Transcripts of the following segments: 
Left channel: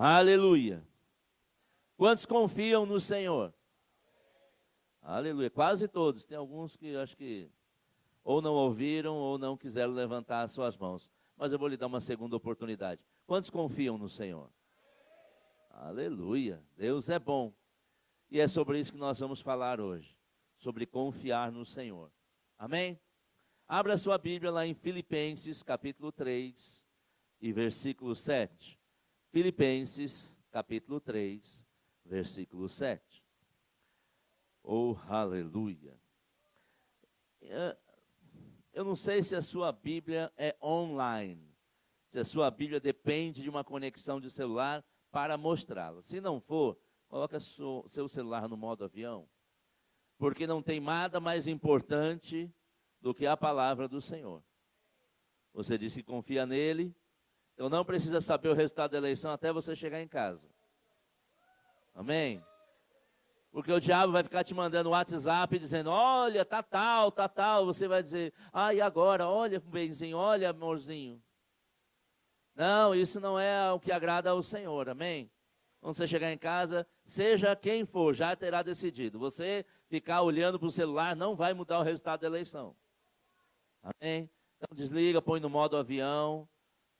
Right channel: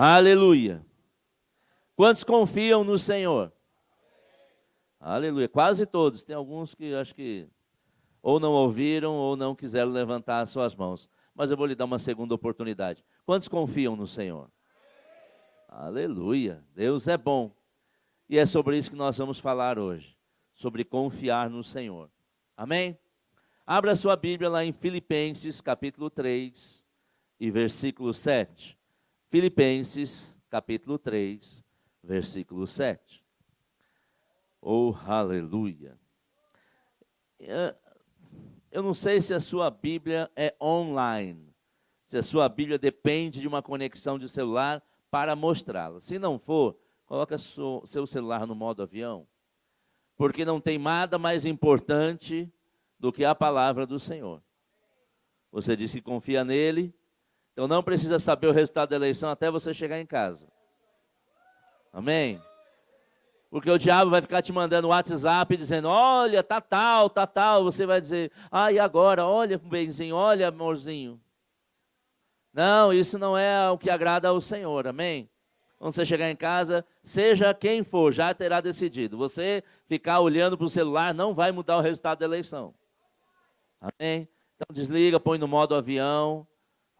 Aleluia. Quantos confiam no Senhor? Aleluia. Quase todos. Tem alguns que acho que ou não ouviram ou não quiseram levantar as suas mãos. Mas eu vou lhe dar uma segunda oportunidade. Quantos confiam no Senhor? Aleluia. Deus é bom. E é sobre isso que nós vamos falar hoje. Sobre confiar no Senhor. Amém? Abra sua Bíblia lá em Filipenses, capítulo 3 e versículo 7. Filipenses, capítulo 3, versículo 7. Oh, aleluia. Eu não sei se a sua Bíblia é online. Se a sua Bíblia depende de uma conexão de celular para mostrá-la. Se não for, coloque seu celular no modo avião. Porque não tem nada mais importante do que a palavra do Senhor. Você disse que confia nele, então não precisa saber o resultado da eleição até você chegar em casa. Amém? Porque o diabo vai ficar te mandando WhatsApp dizendo, olha, tá tal. Você vai dizer, e agora? Olha, benzinho, olha, amorzinho. Não, isso não é o que agrada ao Senhor, amém? Quando você chegar em casa, seja quem for, já terá decidido. Você ficar olhando para o celular não vai mudar o resultado da eleição. Amém? Então desliga, põe no modo avião.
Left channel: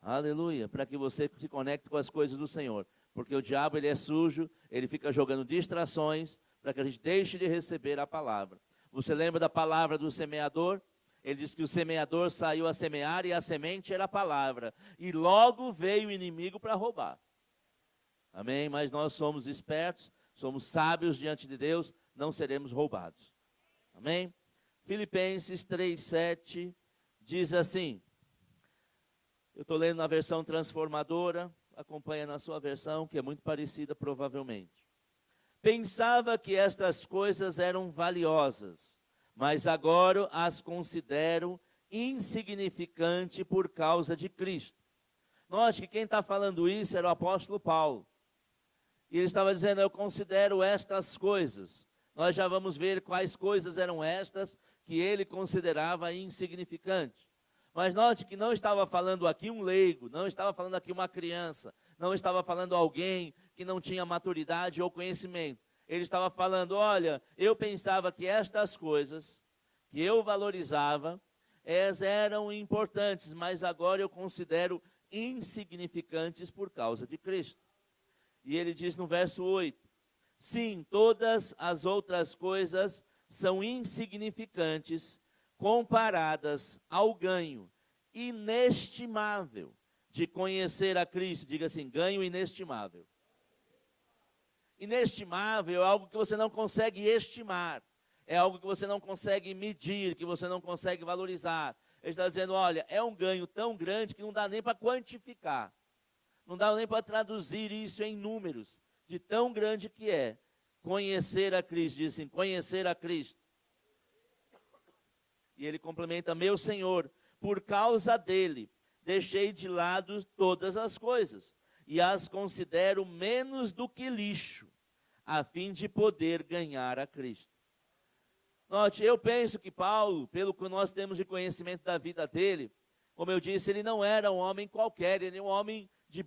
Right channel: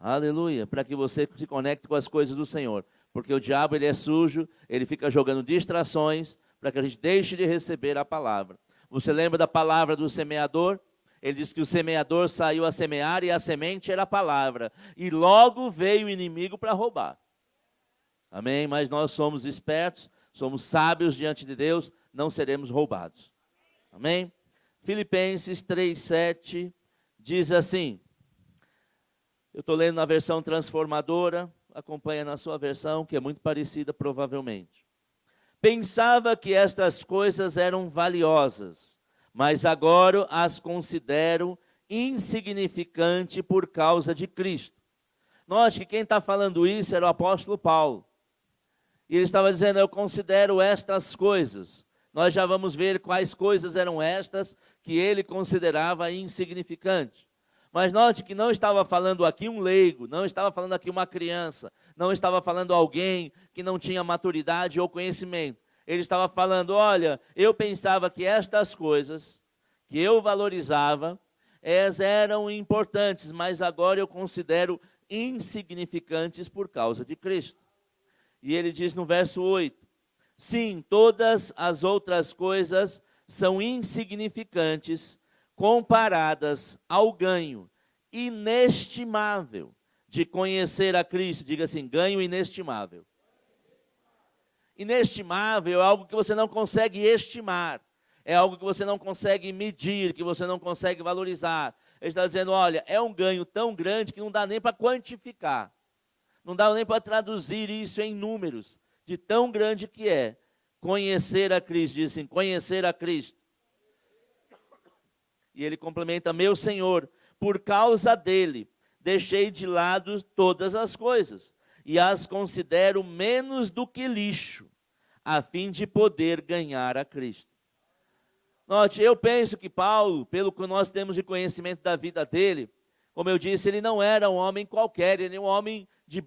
Aleluia. Para que você se conecte com as coisas do Senhor. Porque o diabo, ele é sujo, ele fica jogando distrações para que a gente deixe de receber a palavra. Você lembra da palavra do semeador? Ele disse que o semeador saiu a semear e a semente era a palavra. E logo veio o inimigo para roubar. Amém? Mas nós somos espertos, somos sábios diante de Deus, não seremos roubados. Amém? Filipenses 3:7 diz assim, eu estou lendo na versão transformadora, acompanha na sua versão, que é muito parecida provavelmente. Pensava que estas coisas eram valiosas, mas agora as considero insignificantes por causa de Cristo. Note que quem está falando isso era o apóstolo Paulo. E ele estava dizendo, eu considero estas coisas. Nós já vamos ver quais coisas eram estas que ele considerava insignificantes. Mas note que não estava falando aqui um leigo, não estava falando aqui uma criança, não estava falando alguém que não tinha maturidade ou conhecimento. Ele estava falando, olha, eu pensava que estas coisas que eu valorizava, elas eram importantes, mas agora eu considero insignificantes por causa de Cristo. E ele diz no verso 8, sim, todas as outras coisas são insignificantes comparadas ao ganho inestimável de conhecer a Cristo. Diga assim, ganho inestimável. Inestimável é algo que você não consegue estimar. É algo que você não consegue medir, que você não consegue valorizar. Ele está dizendo, olha, é um ganho tão grande que não dá nem para quantificar. Não dá nem para traduzir isso em números, de tão grande que é. Conhecer a Cristo, diz assim, conhecer a Cristo. E ele complementa, meu Senhor, por causa dele, deixei de lado todas as coisas, e as considero menos do que lixo, a fim de poder ganhar a Cristo. Note, eu penso que Paulo, pelo que nós temos de conhecimento da vida dele, como eu disse, ele não era um homem qualquer, ele era um homem de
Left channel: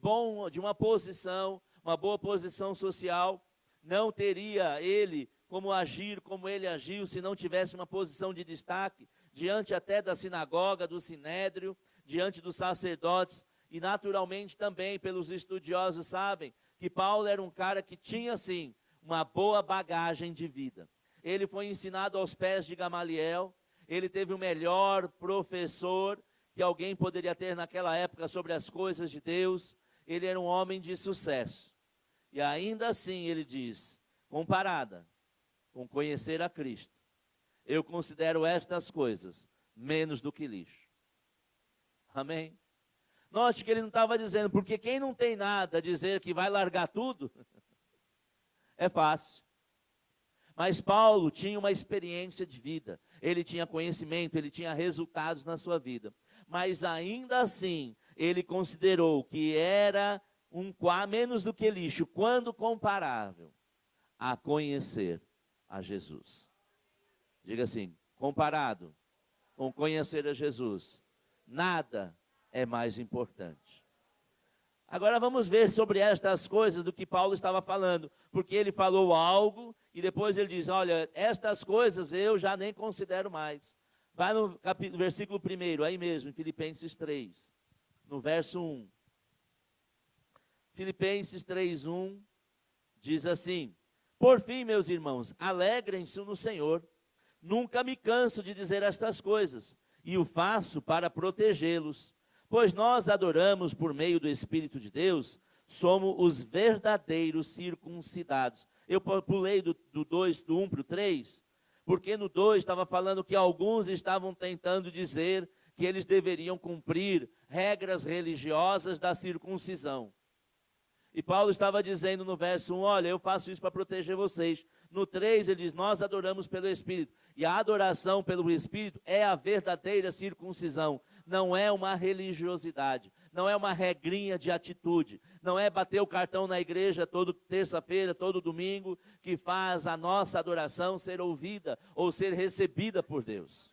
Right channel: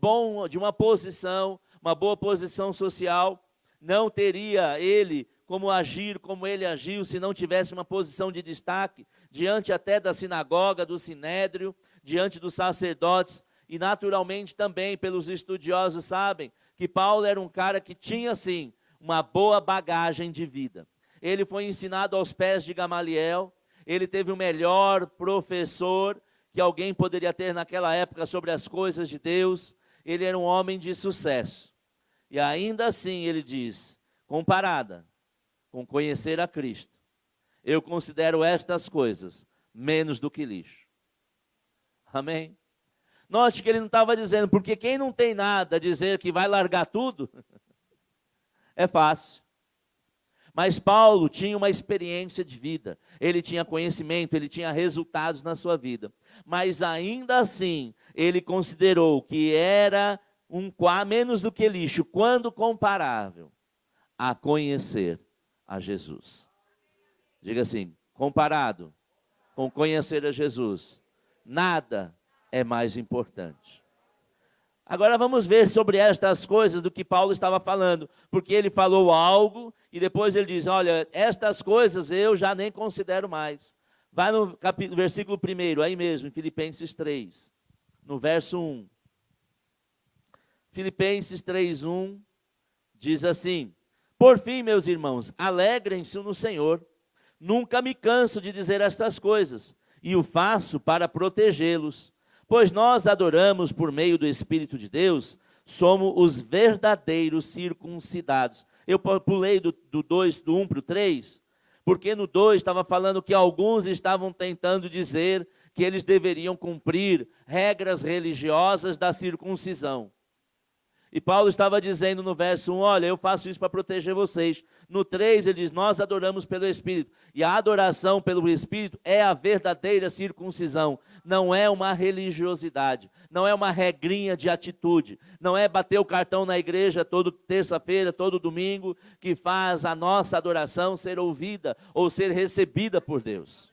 uma posição, uma boa posição social. Não teria ele como agir como ele agiu se não tivesse uma posição de destaque, diante até da sinagoga, do sinédrio, diante dos sacerdotes, e naturalmente também pelos estudiosos sabem que Paulo era um cara que tinha sim uma boa bagagem de vida. Ele foi ensinado aos pés de Gamaliel, ele teve o melhor professor que alguém poderia ter naquela época sobre as coisas de Deus. Ele era um homem de sucesso. E ainda assim ele diz, comparada com conhecer a Cristo, eu considero estas coisas menos do que lixo. Amém? Note que ele não estava dizendo, porque quem não tem nada, dizer que vai largar tudo, é fácil. Mas Paulo tinha uma experiência de vida, ele tinha conhecimento, ele tinha resultados na sua vida. Mas ainda assim, ele considerou que era menos do que lixo, quando comparável a conhecer a Jesus. Diga assim, comparado com conhecer a Jesus, nada é mais importante. Agora vamos ver sobre estas coisas do que Paulo estava falando, porque ele falou algo e depois ele diz, olha, estas coisas eu já nem considero mais. Vai no versículo 1, aí mesmo, em Filipenses 3, no verso 1. Filipenses 3:1 diz assim: por fim, meus irmãos, alegrem-se no Senhor. Nunca me canso de dizer estas coisas, e o faço para protegê-los. Pois nós adoramos por meio do Espírito de Deus, somos os verdadeiros circuncidados. Eu pulei do 1 para o 3, porque no 2 estava falando que alguns estavam tentando dizer que eles deveriam cumprir regras religiosas da circuncisão. E Paulo estava dizendo no verso 1, olha, eu faço isso para proteger vocês. No 3 ele diz, nós adoramos pelo Espírito. E a adoração pelo Espírito é a verdadeira circuncisão. Não é uma religiosidade, não é uma regrinha de atitude. Não é bater o cartão na igreja toda terça-feira, todo domingo, que faz a nossa adoração ser ouvida ou ser recebida por Deus.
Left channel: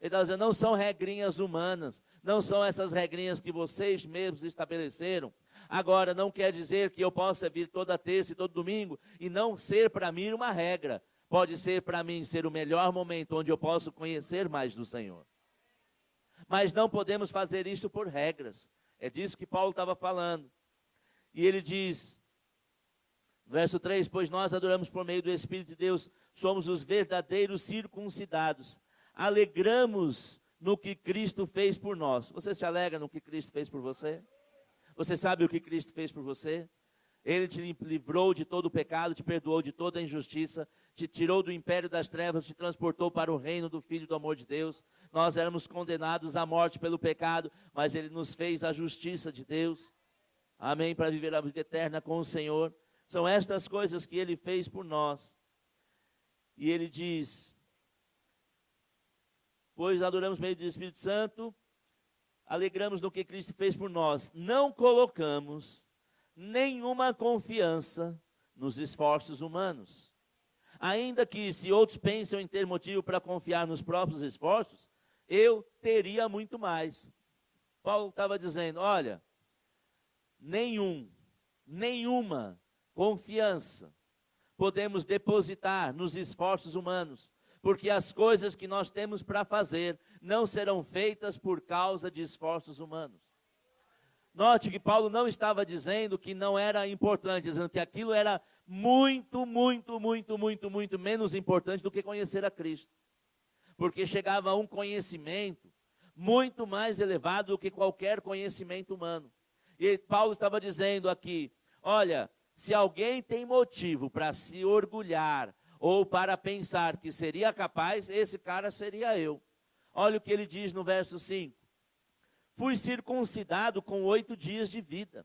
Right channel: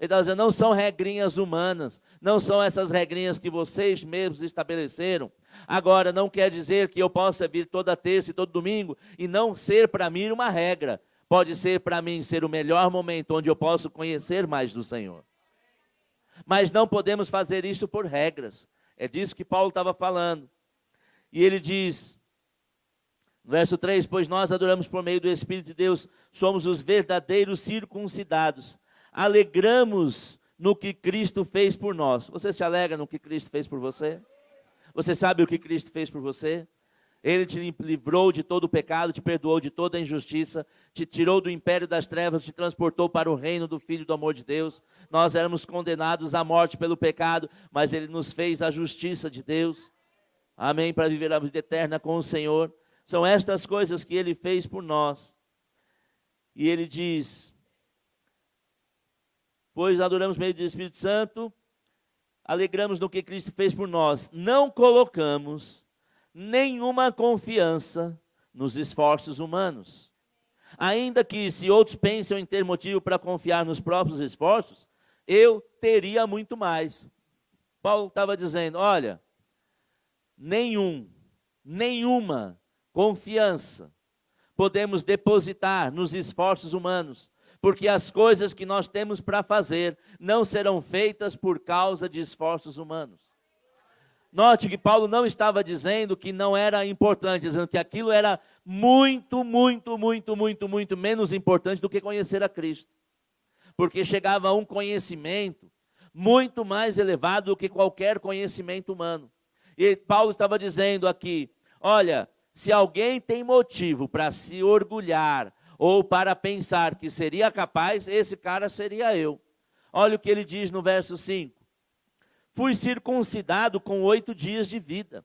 Ele está dizendo, não são regrinhas humanas, não são essas regrinhas que vocês mesmos estabeleceram. Agora, não quer dizer que eu possa vir toda terça e todo domingo e não ser para mim uma regra. Pode ser para mim ser o melhor momento onde eu posso conhecer mais do Senhor. Mas não podemos fazer isso por regras. É disso que Paulo estava falando. E ele diz, no verso 3, pois nós adoramos por meio do Espírito de Deus, somos os verdadeiros circuncidados. Alegramos no que Cristo fez por nós. Você se alegra no que Cristo fez por você? Você sabe o que Cristo fez por você? Ele te livrou de todo o pecado, te perdoou de toda a injustiça, te tirou do império das trevas, te transportou para o reino do Filho do amor de Deus. Nós éramos condenados à morte pelo pecado, mas Ele nos fez a justiça de Deus. Amém? Para viver a vida eterna com o Senhor. São estas coisas que Ele fez por nós. E Ele diz, pois adoramos por meio do Espírito Santo, alegramos no que Cristo fez por nós. Não colocamos nenhuma confiança nos esforços humanos. Ainda que se outros pensam em ter motivo para confiar nos próprios esforços, eu teria muito mais. Paulo estava dizendo, olha, nenhuma confiança podemos depositar nos esforços humanos, porque as coisas que nós temos para fazer não serão feitas por causa de esforços humanos. Note que Paulo não estava dizendo que não era importante, dizendo que aquilo era muito menos importante do que conhecer a Cristo. Porque chegava a um conhecimento muito mais elevado do que qualquer conhecimento humano. E Paulo estava dizendo aqui, olha, se alguém tem motivo para se orgulhar ou para pensar que seria capaz, esse cara seria eu. Olha o que ele diz no verso 5. Fui circuncidado com 8 dias de vida.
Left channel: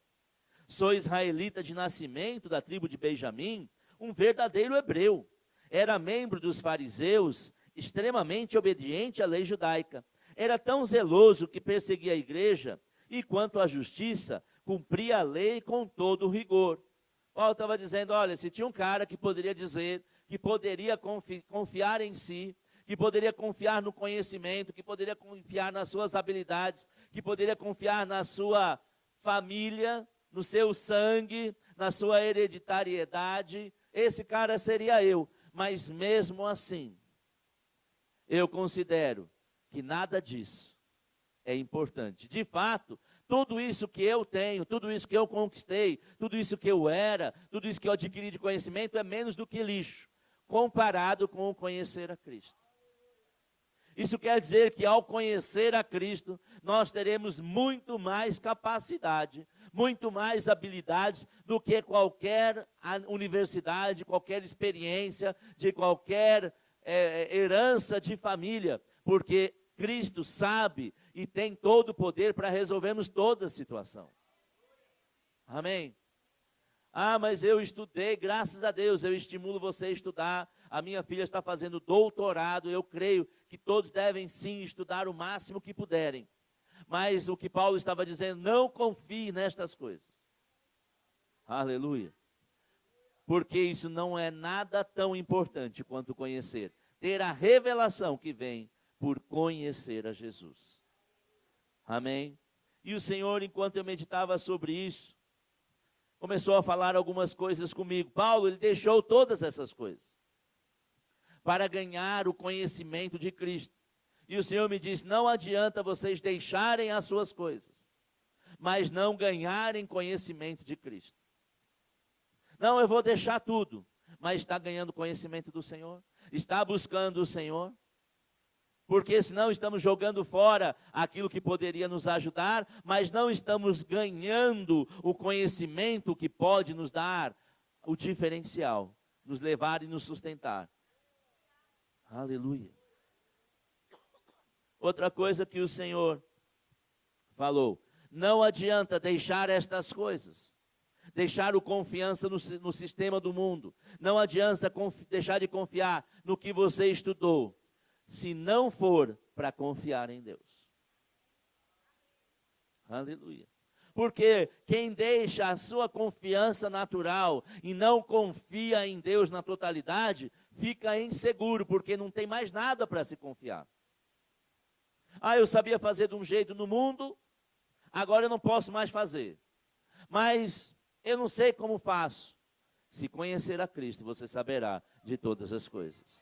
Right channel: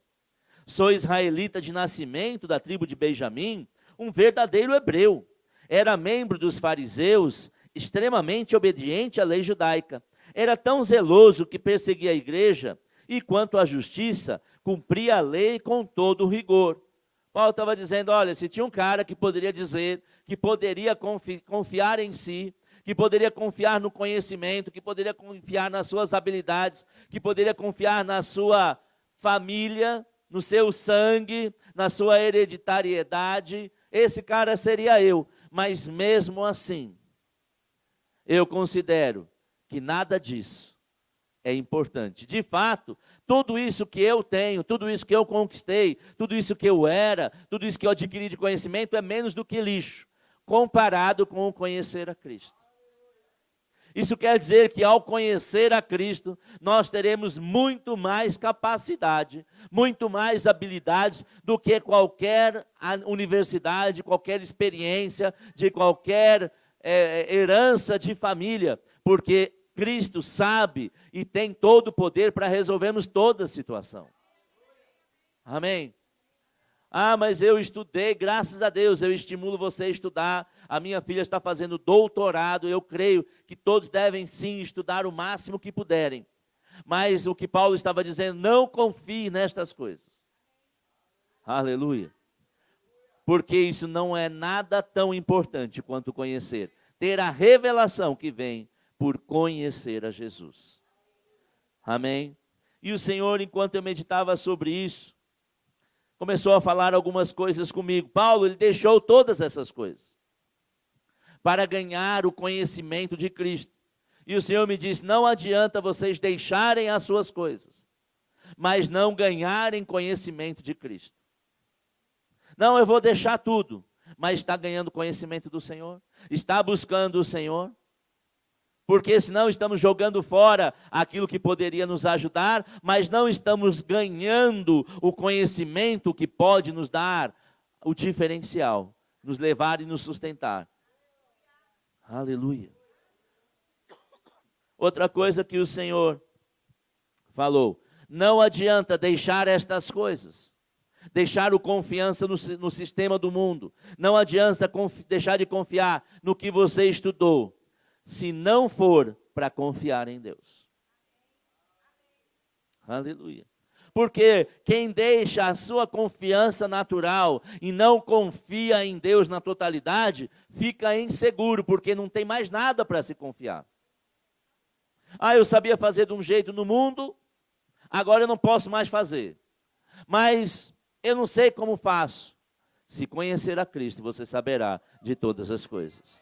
Sou israelita de nascimento, da tribo de Benjamim, um verdadeiro hebreu. Era membro dos fariseus, extremamente obediente à lei judaica. Era tão zeloso que perseguia a igreja e, quanto à justiça, cumpria a lei com todo o rigor. Paulo estava dizendo, olha, se tinha um cara que poderia dizer, que poderia confiar em si, que poderia confiar no conhecimento, que poderia confiar nas suas habilidades, que poderia confiar na sua família, no seu sangue, na sua hereditariedade, esse cara seria eu. Mas mesmo assim, eu considero que nada disso é importante. De fato, tudo isso que eu tenho, tudo isso que eu conquistei, tudo isso que eu era, tudo isso que eu adquiri de conhecimento é menos do que lixo, comparado com o conhecer a Cristo. Isso quer dizer que ao conhecer a Cristo, nós teremos muito mais capacidade, muito mais habilidades do que qualquer universidade, qualquer experiência, de qualquer herança de família, porque Cristo sabe e tem todo o poder para resolvermos toda a situação. Amém? Ah, mas eu estudei, graças a Deus, eu estimulo você a estudar. A minha filha está fazendo doutorado, eu creio que todos devem sim estudar o máximo que puderem. Mas o que Paulo estava dizendo, não confie nestas coisas. Aleluia. Porque isso não é nada tão importante quanto conhecer. Ter a revelação que vem por conhecer a Jesus. Amém? E o Senhor, enquanto eu meditava sobre isso, começou a falar algumas coisas comigo. Paulo, ele deixou todas essas coisas para ganhar o conhecimento de Cristo. E o Senhor me disse, não adianta vocês deixarem as suas coisas, mas não ganharem conhecimento de Cristo. Não, eu vou deixar tudo, mas está ganhando conhecimento do Senhor? Está buscando o Senhor? Porque senão estamos jogando fora aquilo que poderia nos ajudar, mas não estamos ganhando o conhecimento que pode nos dar o diferencial, nos levar e nos sustentar. Aleluia. Outra coisa que o Senhor falou, não adianta deixar estas coisas, deixar o confiança no sistema do mundo, não adianta deixar de confiar no que você estudou, se não for para confiar em Deus. Aleluia. Porque quem deixa a sua confiança natural e não confia em Deus na totalidade, fica inseguro, porque não tem mais nada para se confiar. Ah, eu sabia fazer de um jeito no mundo, agora eu não posso mais fazer. Mas eu não sei como faço. Se conhecer a Cristo, você saberá de todas as coisas.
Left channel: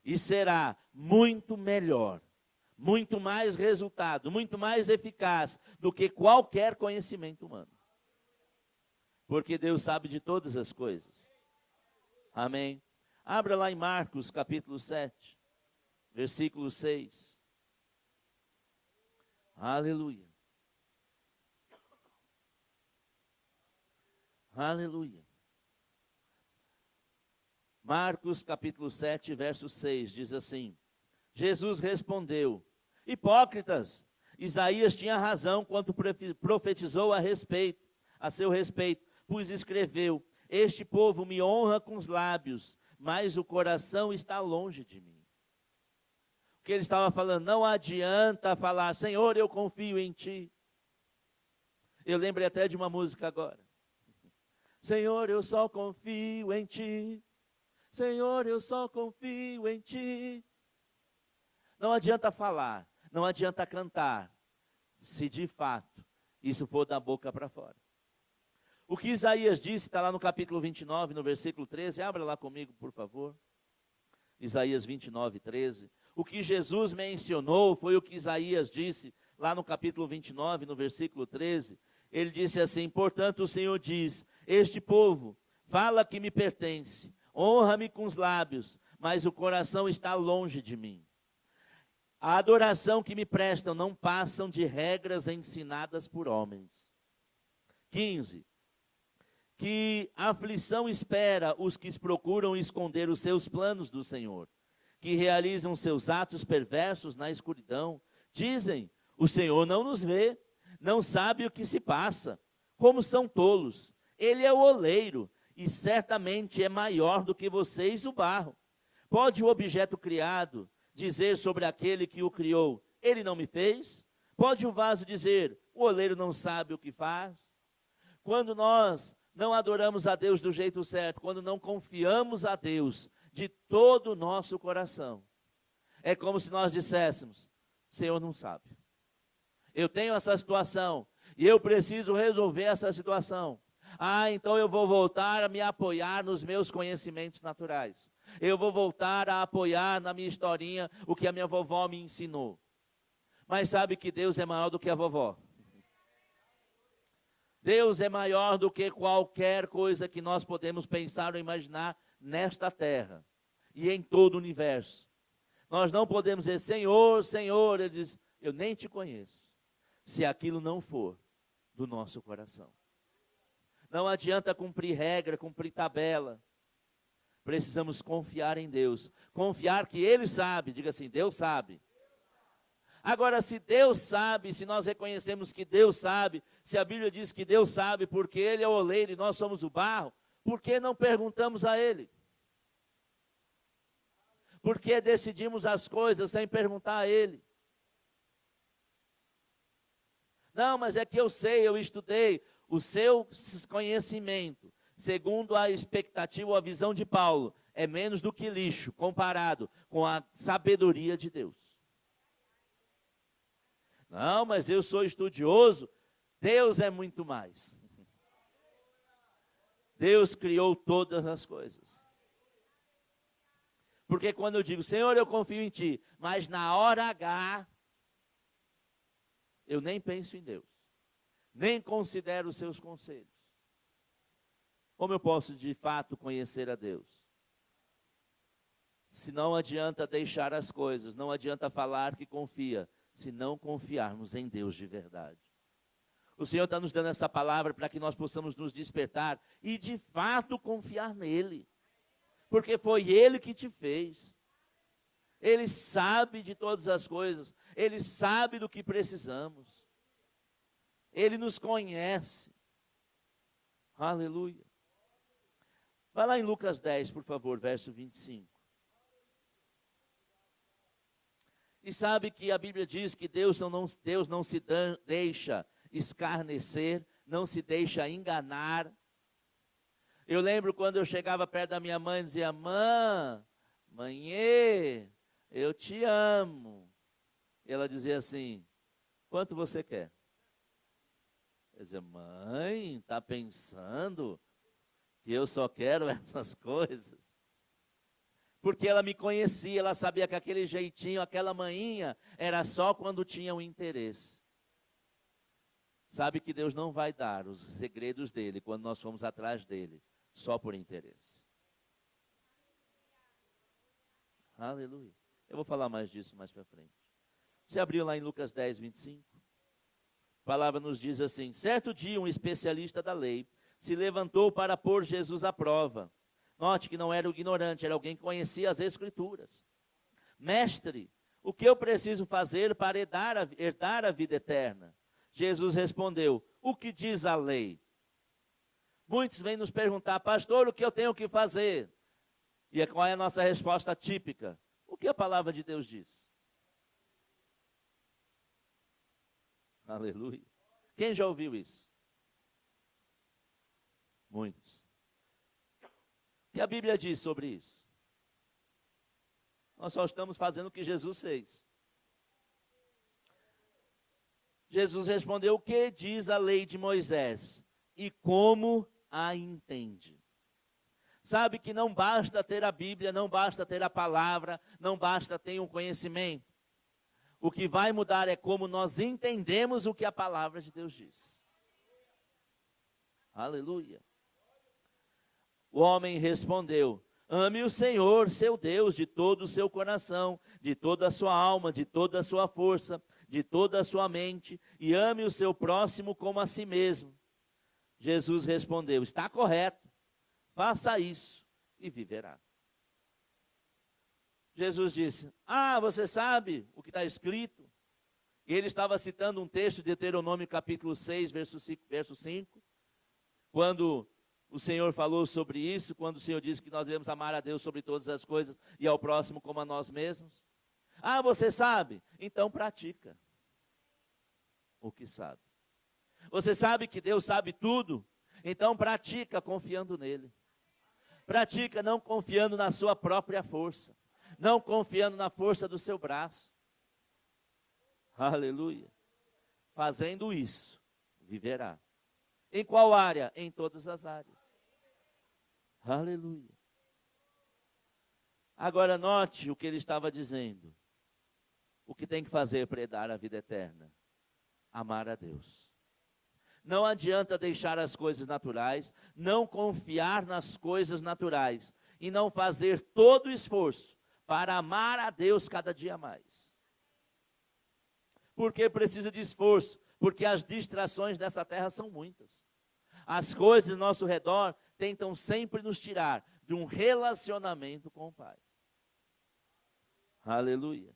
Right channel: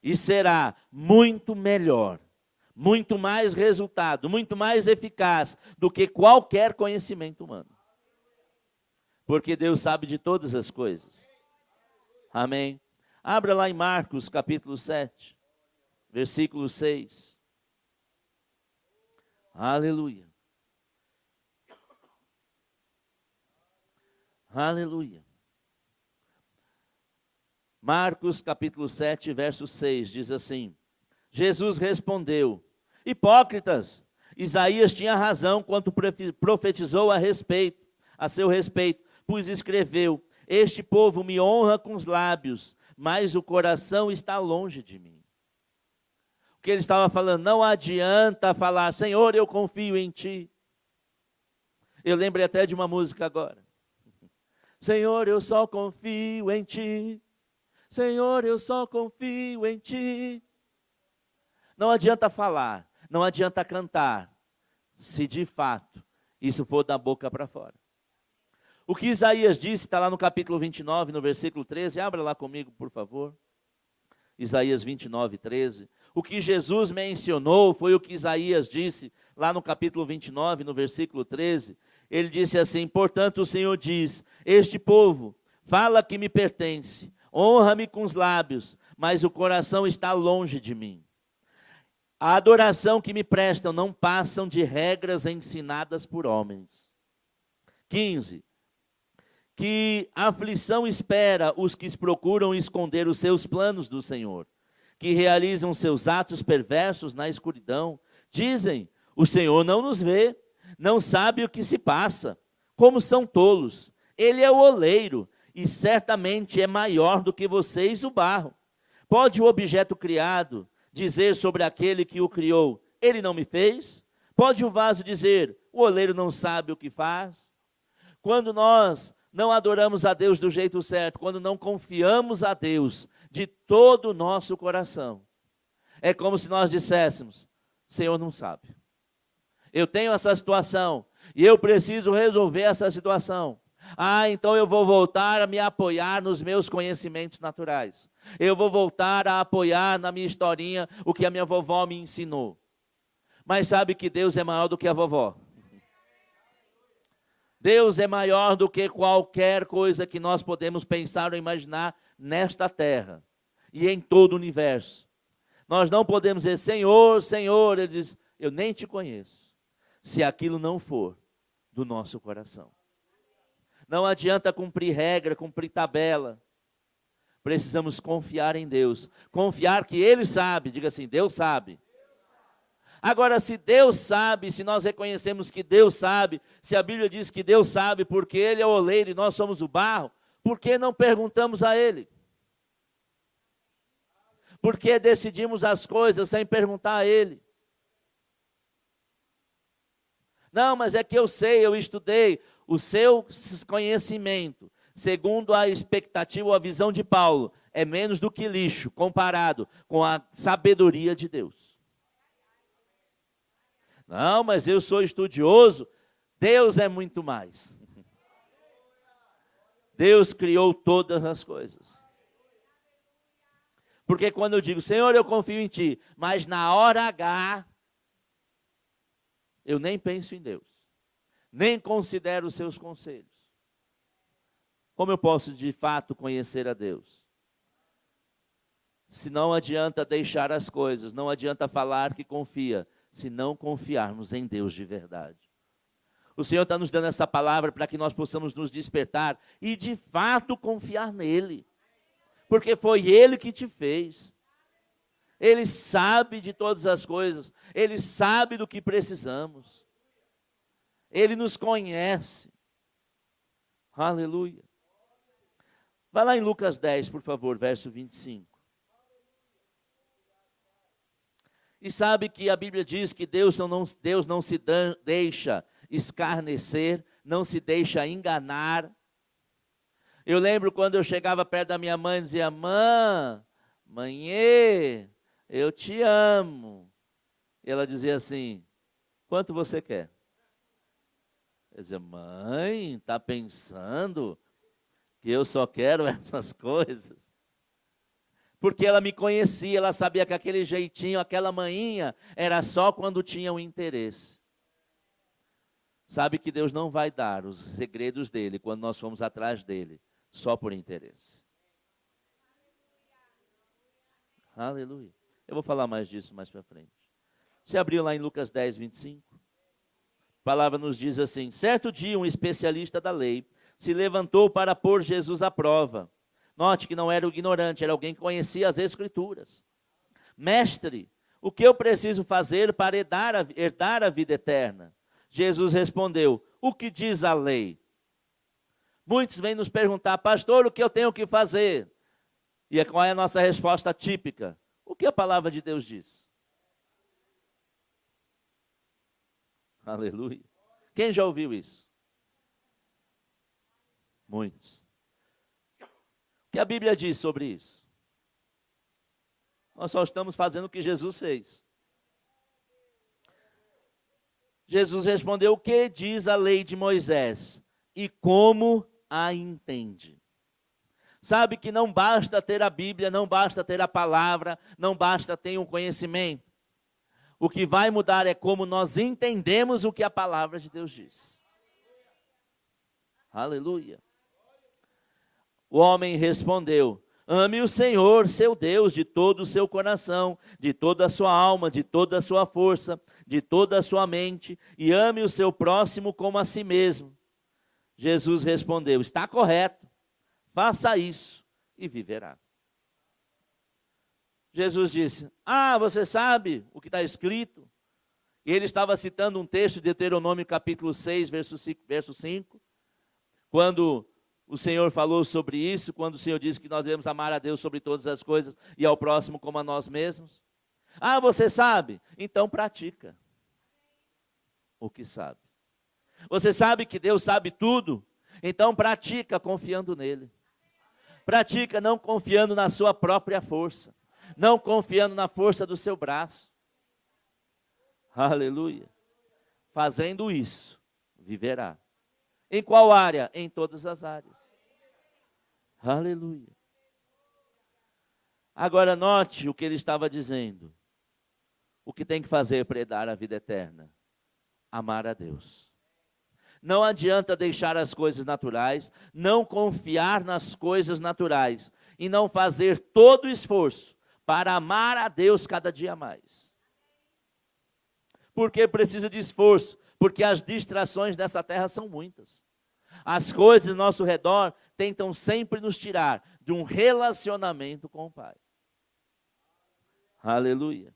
E será muito melhor, muito mais resultado, muito mais eficaz do que qualquer conhecimento humano. Porque Deus sabe de todas as coisas. Amém? Abra lá em Marcos capítulo 7, versículo 6. Aleluia. Aleluia. Marcos capítulo 7, verso 6, diz assim, Jesus respondeu, hipócritas, Isaías tinha razão quando profetizou a seu respeito, pois escreveu, este povo me honra com os lábios, mas o coração está longe de mim. O que ele estava falando, não adianta falar, Senhor, eu confio em ti. Eu lembrei até de uma música agora. Senhor, eu só confio em ti. Senhor, eu só confio em ti. Não adianta falar, não adianta cantar, se de fato isso for da boca para fora. O que Isaías disse, está lá no capítulo 29, no versículo 13, abra lá comigo, por favor. Isaías 29, 13. O que Jesus mencionou foi o que Isaías disse, lá no capítulo 29, no versículo 13. Ele disse assim, portanto o Senhor diz, este povo fala que me pertence, honra-me com os lábios, mas o coração está longe de mim. A adoração que me prestam não passam de regras ensinadas por homens. 15. Que aflição espera os que procuram esconder os seus planos do Senhor, que realizam seus atos perversos na escuridão. Dizem, o Senhor não nos vê, não sabe o que se passa. Como são tolos. Ele é o oleiro, e certamente é maior do que vocês o barro. Pode o objeto criado dizer sobre aquele que o criou, ele não me fez? Pode o vaso dizer, o oleiro não sabe o que faz? Quando nós não adoramos a Deus do jeito certo, quando não confiamos a Deus de todo o nosso coração, é como se nós disséssemos, o Senhor não sabe. Eu tenho essa situação e eu preciso resolver essa situação. Ah, então eu vou voltar a me apoiar nos meus conhecimentos naturais. Eu vou voltar a apoiar na minha historinha o que a minha vovó me ensinou. Mas sabe que Deus é maior do que a vovó. Deus é maior do que qualquer coisa que nós podemos pensar ou imaginar nesta terra e em todo o universo. Nós não podemos dizer, Senhor, Senhor, ele diz, eu nem te conheço, se aquilo não for do nosso coração. Não adianta cumprir regra, cumprir tabela. Precisamos confiar em Deus. Confiar que Ele sabe. Diga assim, Deus sabe. Agora, se Deus sabe, se nós reconhecemos que Deus sabe, se a Bíblia diz que Deus sabe porque Ele é o oleiro e nós somos o barro, por que não perguntamos a Ele? Por que decidimos as coisas sem perguntar a Ele? Não, mas é que eu sei, eu estudei. O seu conhecimento, segundo a expectativa ou a visão de Paulo, é menos do que lixo, comparado com a sabedoria de Deus. Não, mas eu sou estudioso. Deus é muito mais. Deus criou todas as coisas. Porque quando eu digo, Senhor, eu confio em Ti, mas na hora H, eu nem penso em Deus. Nem considero os seus conselhos. Como eu posso de fato conhecer a Deus? Se não adianta deixar as coisas, não adianta falar que confia, se não confiarmos em Deus de verdade. O Senhor está nos dando essa palavra para que nós possamos nos despertar e de fato confiar nele. Porque foi Ele que te fez. Ele sabe de todas as coisas. Ele sabe do que precisamos. Ele nos conhece. Aleluia. Vai lá em Lucas 10, por favor, verso 25. E sabe que a Bíblia diz que Deus não se deixa escarnecer, não se deixa enganar. Eu lembro quando eu chegava perto da minha mãe e dizia, mãe, eu te amo. E ela dizia assim, quanto você quer? Eu dizia, mãe, está pensando que eu só quero essas coisas? Porque ela me conhecia, ela sabia que aquele jeitinho, aquela manhinha, era só quando tinha um interesse. Sabe que Deus não vai dar os segredos dele quando nós formos atrás dele, só por interesse. Aleluia. Eu vou falar mais disso mais para frente. Você abriu lá em Lucas 10, 25? A palavra nos diz assim, certo dia um especialista da lei se levantou para pôr Jesus à prova. Note que não era o ignorante, era alguém que conhecia as Escrituras. Mestre, o que eu preciso fazer para herdar a vida eterna? Jesus respondeu, o que diz a lei? Muitos vêm nos perguntar, pastor, o que eu tenho que fazer? E qual é a nossa resposta típica? O que a palavra de Deus diz? Aleluia. Quem já ouviu isso? Muitos. O que a Bíblia diz sobre isso? Nós só estamos fazendo o que Jesus fez. Jesus respondeu, o que diz a lei de Moisés? E como a entende? Sabe que não basta ter a Bíblia, não basta ter a palavra, não basta ter um conhecimento. O que vai mudar é como nós entendemos o que a palavra de Deus diz. Aleluia. O homem respondeu, ame o Senhor, seu Deus, de todo o seu coração, de toda a sua alma, de toda a sua força, de toda a sua mente, e ame o seu próximo como a si mesmo. Jesus respondeu, está correto, faça isso e viverá. Jesus disse, você sabe o que está escrito? E ele estava citando um texto de Deuteronômio capítulo 6, verso 5, quando o Senhor falou sobre isso, quando o Senhor disse que nós devemos amar a Deus sobre todas as coisas e ao próximo como a nós mesmos. Você sabe? Então pratica o que sabe. Você sabe que Deus sabe tudo? Então pratica confiando nele. Pratica não confiando na sua própria força. Não confiando na força do seu braço. Aleluia. Fazendo isso, viverá. Em qual área? Em todas as áreas. Aleluia. Agora note o que ele estava dizendo. O que tem que fazer para herdar a vida eterna? Amar a Deus. Não adianta deixar as coisas naturais, não confiar nas coisas naturais e não fazer todo o esforço para amar a Deus cada dia mais. Porque precisa de esforço, porque as distrações dessa terra são muitas. As coisas ao nosso redor tentam sempre nos tirar de um relacionamento com o Pai. Aleluia.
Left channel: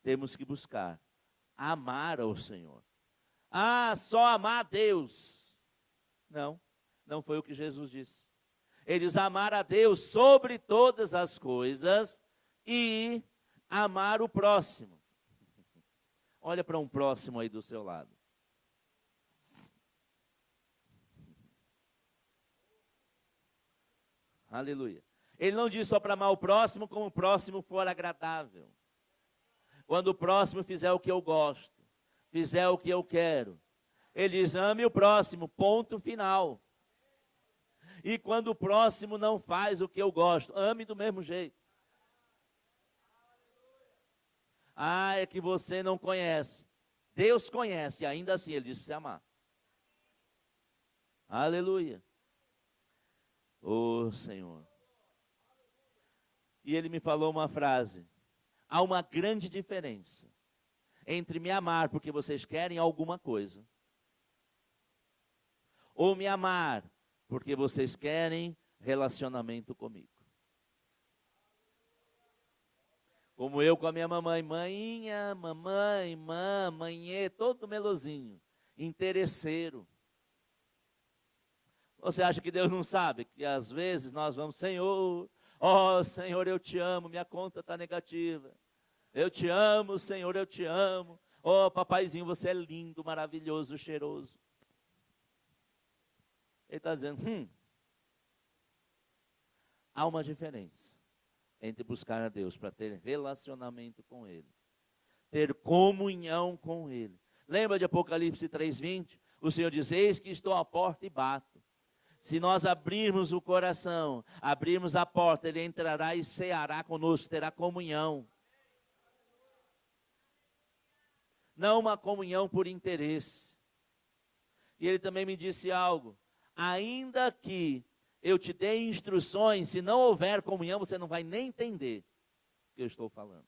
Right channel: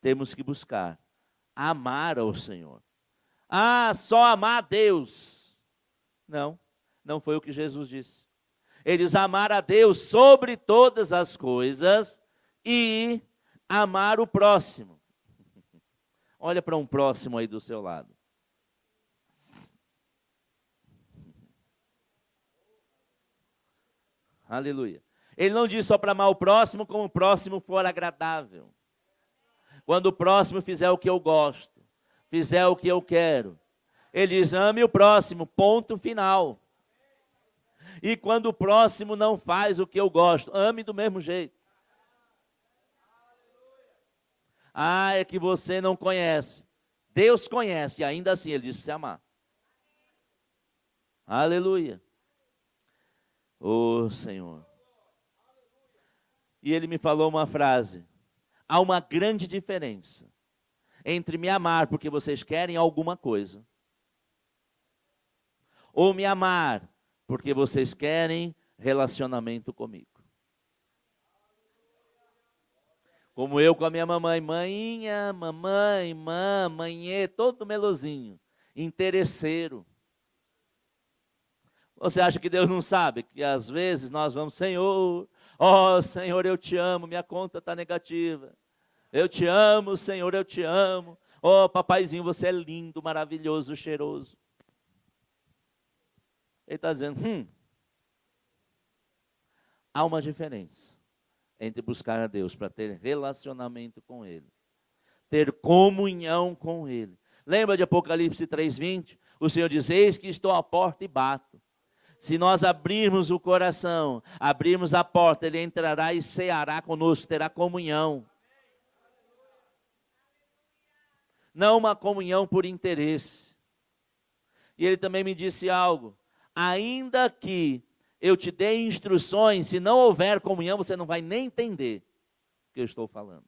Temos que buscar amar ao Senhor. Só amar a Deus. Não foi o que Jesus disse. Eles amaram a Deus sobre todas as coisas e amar o próximo. Olha para um próximo aí do seu lado. Aleluia. Ele não diz só para amar o próximo como o próximo for agradável. Quando o próximo fizer o que eu gosto, fizer o que eu quero, ele diz, ame o próximo, ponto final. E quando o próximo não faz o que eu gosto, ame do mesmo jeito. Ah, é que você não conhece. Deus conhece, e ainda assim ele diz para você amar. Aleluia. Oh, Senhor. E ele me falou uma frase. Há uma grande diferença entre me amar porque vocês querem alguma coisa, ou me amar porque vocês querem relacionamento comigo. Como eu com a minha mamãe, maninha, mamãe, manhê, todo melosinho, interesseiro. Você acha que Deus não sabe? Que às vezes nós vamos, Senhor, ó Senhor, eu te amo, minha conta está negativa. Eu te amo, Senhor, eu te amo. Ó papaizinho, você é lindo, maravilhoso, cheiroso. Ele está dizendo, há uma diferença entre buscar a Deus para ter relacionamento com Ele, ter comunhão com Ele. Lembra de Apocalipse 3:20? O Senhor diz, eis que estou à porta e bato. Se nós abrirmos o coração, abrirmos a porta, Ele entrará e ceará conosco, terá comunhão. Não uma comunhão por interesse. E Ele também me disse algo, ainda que eu te dei instruções, se não houver comunhão, você não vai nem entender o que eu estou falando.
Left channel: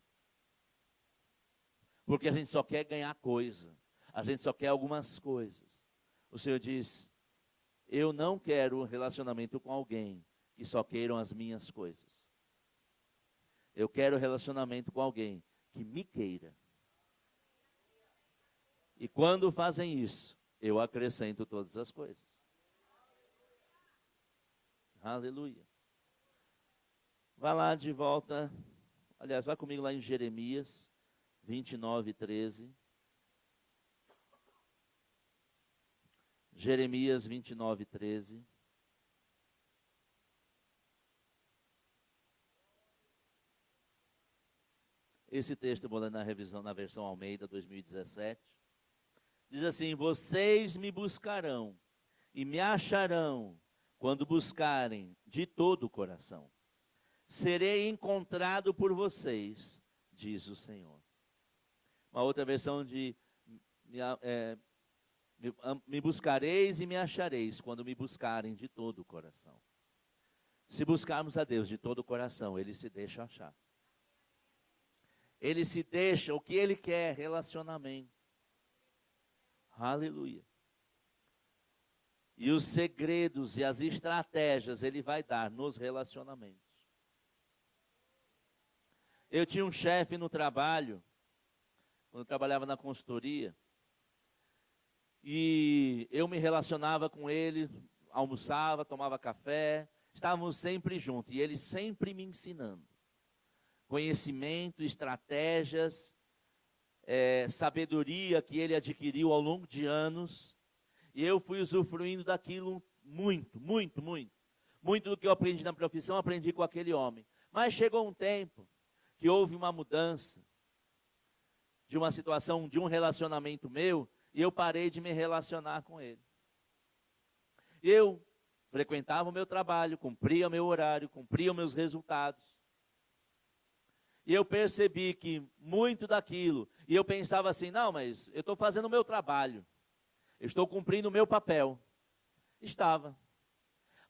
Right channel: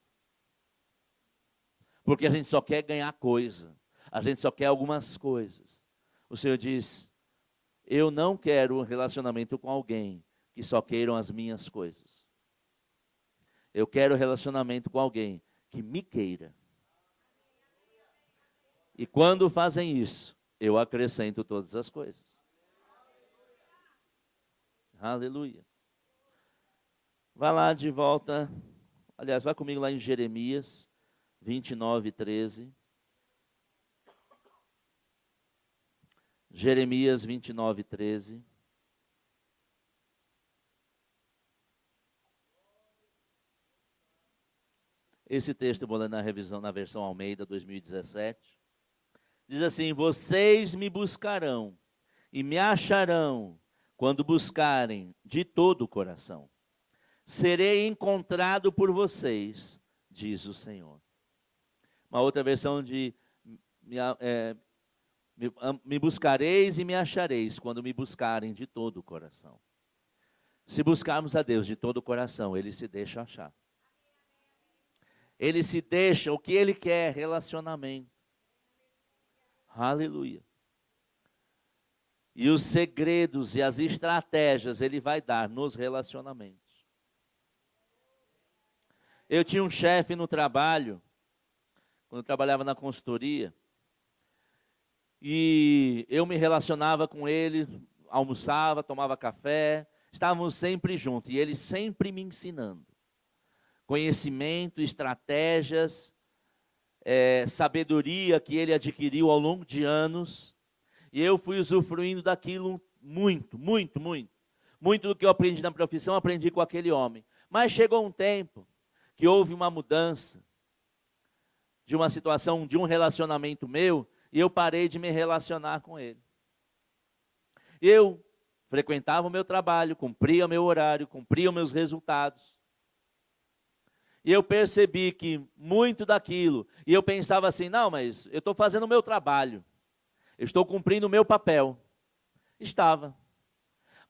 Porque a gente só quer ganhar coisa. A gente só quer algumas coisas. O Senhor diz, eu não quero um relacionamento com alguém que só queiram as minhas coisas. Eu quero relacionamento com alguém que me queira. E quando fazem isso, eu acrescento todas as coisas. Aleluia. Vai lá de volta. Aliás, vai comigo lá em Jeremias 29:13. Jeremias 29:13. Esse texto eu vou ler na revisão na versão Almeida 2017. Diz assim, vocês me buscarão e me acharão quando buscarem de todo o coração. Serei encontrado por vocês, diz o Senhor. Uma outra versão de me buscareis e me achareis quando me buscarem de todo o coração. Se buscarmos a Deus de todo o coração, Ele se deixa achar. Ele se deixa, o que Ele quer, relacionamento. Aleluia. E os segredos e as estratégias Ele vai dar nos relacionamentos. Eu tinha um chefe no trabalho, quando eu trabalhava na consultoria, e eu me relacionava com ele, almoçava, tomava café, estávamos sempre juntos, e ele sempre me ensinando. Conhecimento, estratégias, sabedoria que ele adquiriu ao longo de anos, e eu fui usufruindo daquilo muito, muito, muito. Muito do que eu aprendi na profissão, aprendi com aquele homem. Mas chegou um tempo que houve uma mudança de uma situação, de um relacionamento meu, e eu parei de me relacionar com ele. Eu frequentava o meu trabalho, cumpria meu horário, cumpria os meus resultados. E eu percebi que muito daquilo, e eu pensava assim, não, mas eu estou fazendo o meu trabalho, eu estou cumprindo o meu papel. Estava.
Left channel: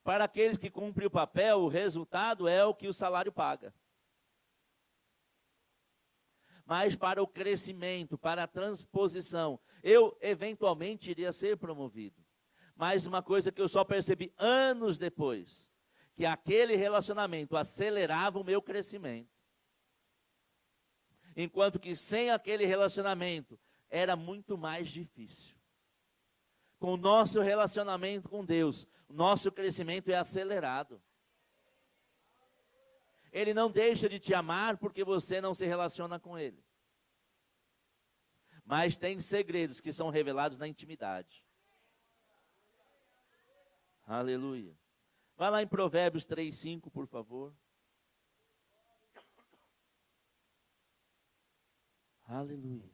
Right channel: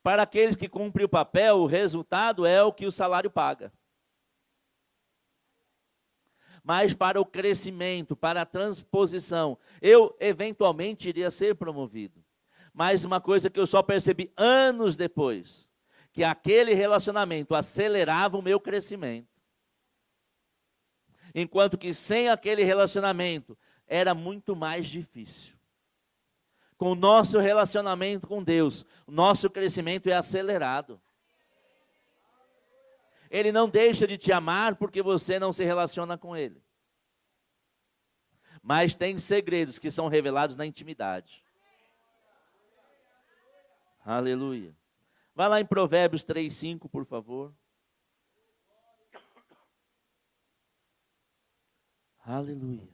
Para aqueles que cumprem o papel, o resultado é o que o salário paga. Mas para o crescimento, para a transposição, eu eventualmente iria ser promovido. Mas uma coisa que eu só percebi anos depois, que aquele relacionamento acelerava o meu crescimento. Enquanto que sem aquele relacionamento era muito mais difícil. Com o nosso relacionamento com Deus, o nosso crescimento é acelerado. Ele não deixa de te amar porque você não se relaciona com ele. Mas tem segredos que são revelados na intimidade. Aleluia. Vai lá em Provérbios 3:5, por favor. Aleluia.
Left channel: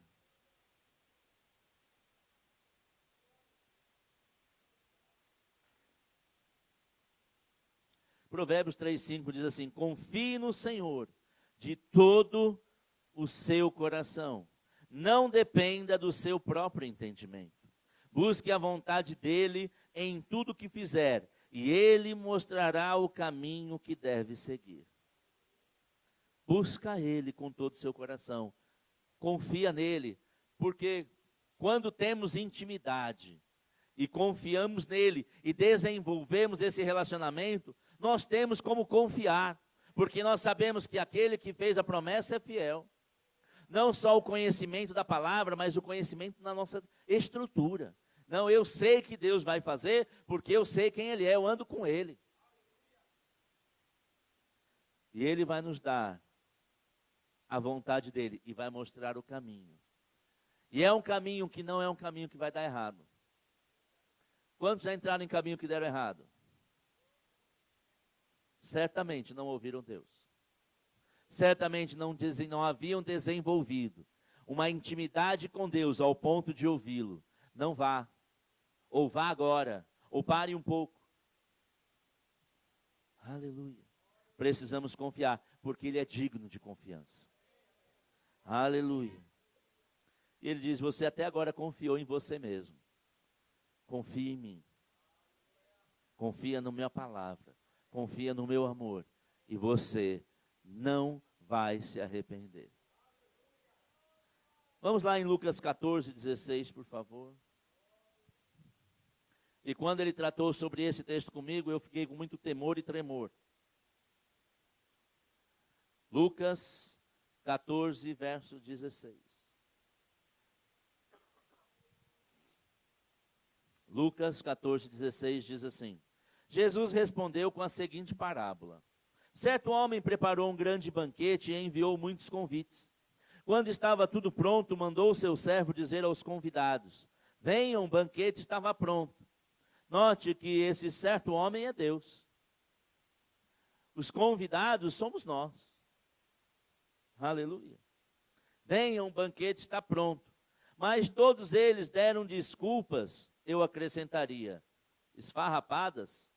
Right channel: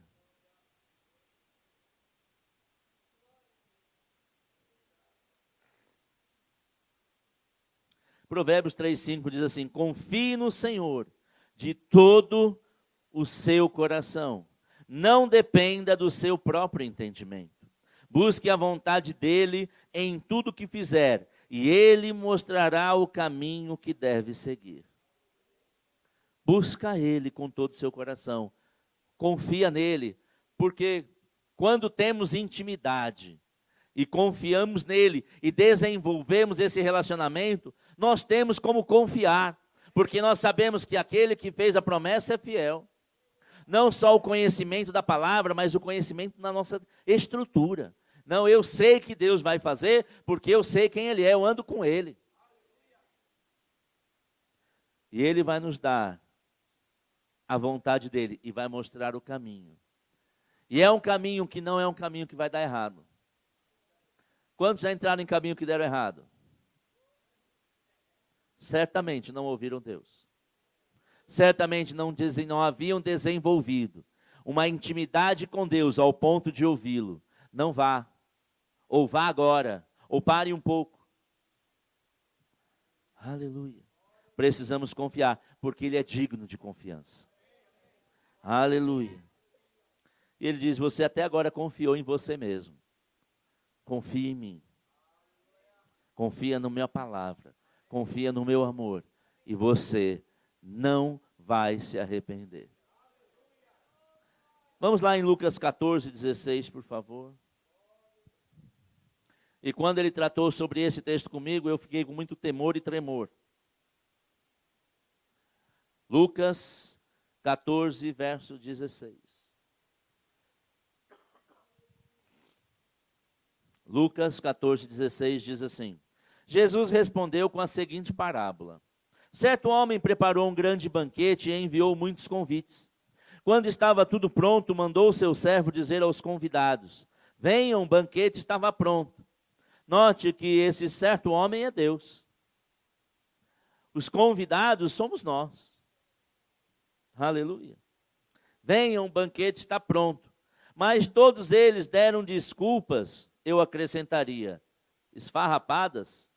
Provérbios 3:5 diz assim: confie no Senhor de todo o seu coração. Não dependa do seu próprio entendimento. Busque a vontade dele em tudo que fizer, e ele mostrará o caminho que deve seguir. Busca ele com todo o seu coração. Confia nele, porque quando temos intimidade e confiamos nele e desenvolvemos esse relacionamento, nós temos como confiar, porque nós sabemos que aquele que fez a promessa é fiel. Não só o conhecimento da palavra, mas o conhecimento da nossa estrutura. Não, eu sei que Deus vai fazer, porque eu sei quem Ele é, eu ando com Ele. E Ele vai nos dar a vontade dEle e vai mostrar o caminho. E é um caminho que não é um caminho que vai dar errado. Quantos já entraram em caminho que deram errado? Certamente não ouviram Deus. Certamente não haviam desenvolvido uma intimidade com Deus ao ponto de ouvi-lo. Não vá, ou vá agora, ou pare um pouco. Aleluia. Precisamos confiar, porque Ele é digno de confiança. Aleluia. E Ele diz, você até agora confiou em você mesmo. Confia em mim. Confia na minha palavra. Confia no meu amor. E você não vai se arrepender. Vamos lá em Lucas 14:16, por favor. E quando ele tratou sobre esse texto comigo, eu fiquei com muito temor e tremor. Lucas 14, verso 16. Lucas 14:16 diz assim: Jesus respondeu com a seguinte parábola. Certo homem preparou um grande banquete e enviou muitos convites. Quando estava tudo pronto, mandou o seu servo dizer aos convidados: venham, o banquete estava pronto. Note que esse certo homem é Deus. Os convidados somos nós. Aleluia. Venham, o banquete está pronto. Mas todos eles deram desculpas, eu acrescentaria, esfarrapadas.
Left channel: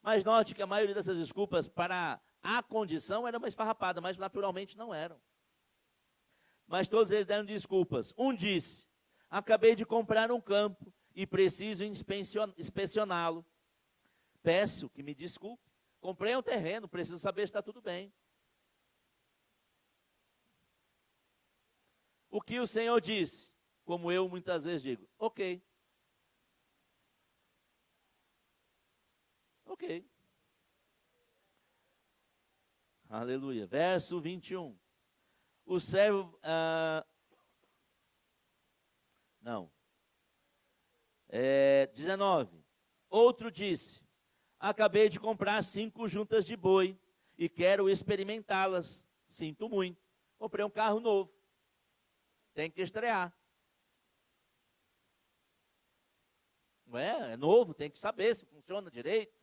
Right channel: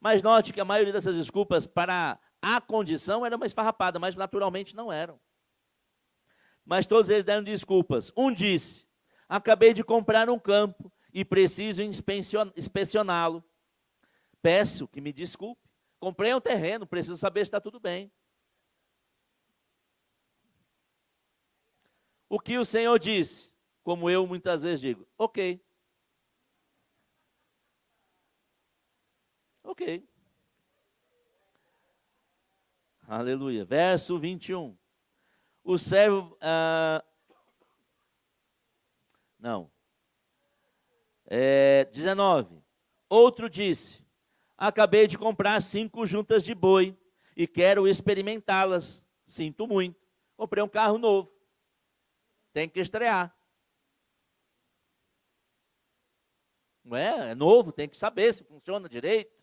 Mas note que a maioria dessas desculpas para a condição era uma esfarrapada, mas naturalmente não eram. Mas todos eles deram desculpas. Um disse: acabei de comprar um campo e preciso inspecioná-lo. Peço que me desculpe. Comprei um terreno, preciso saber se está tudo bem. O que o Senhor disse? Como eu muitas vezes digo: ok. Ok. Aleluia. Verso 21. O servo... não. 19. Outro disse: acabei de comprar 5 juntas de boi e quero experimentá-las. Sinto muito. Comprei um carro novo. Tem que estrear. Não é? É novo, tem que saber se funciona direito.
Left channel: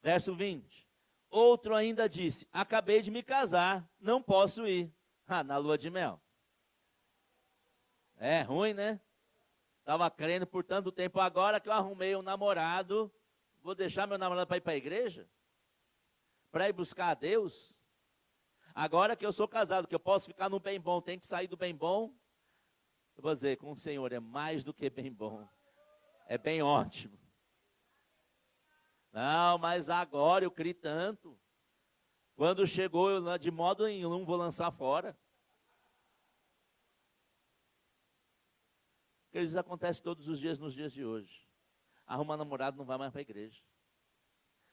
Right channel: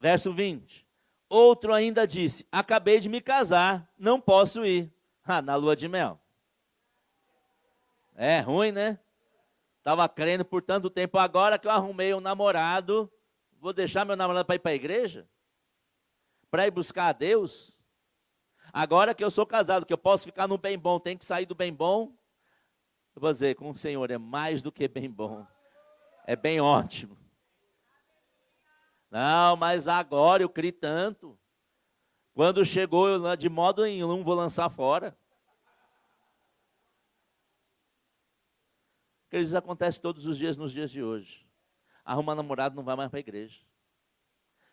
Verso 20. Outro ainda disse: acabei de me casar, não posso ir. Na lua de mel. É ruim, né? Estava crendo por tanto tempo. Agora que eu arrumei um namorado, vou deixar meu namorado para ir para a igreja? Para ir buscar a Deus? Agora que eu sou casado, que eu posso ficar no bem bom, tem que sair do bem bom? Eu vou dizer, com o Senhor é mais do que bem bom. É bem ótimo. Não, mas agora eu criei tanto. Quando chegou, eu de modo nenhum vou lançar fora. Porque isso acontece todos os dias nos dias de hoje. Arruma namorado, não vai mais para a igreja.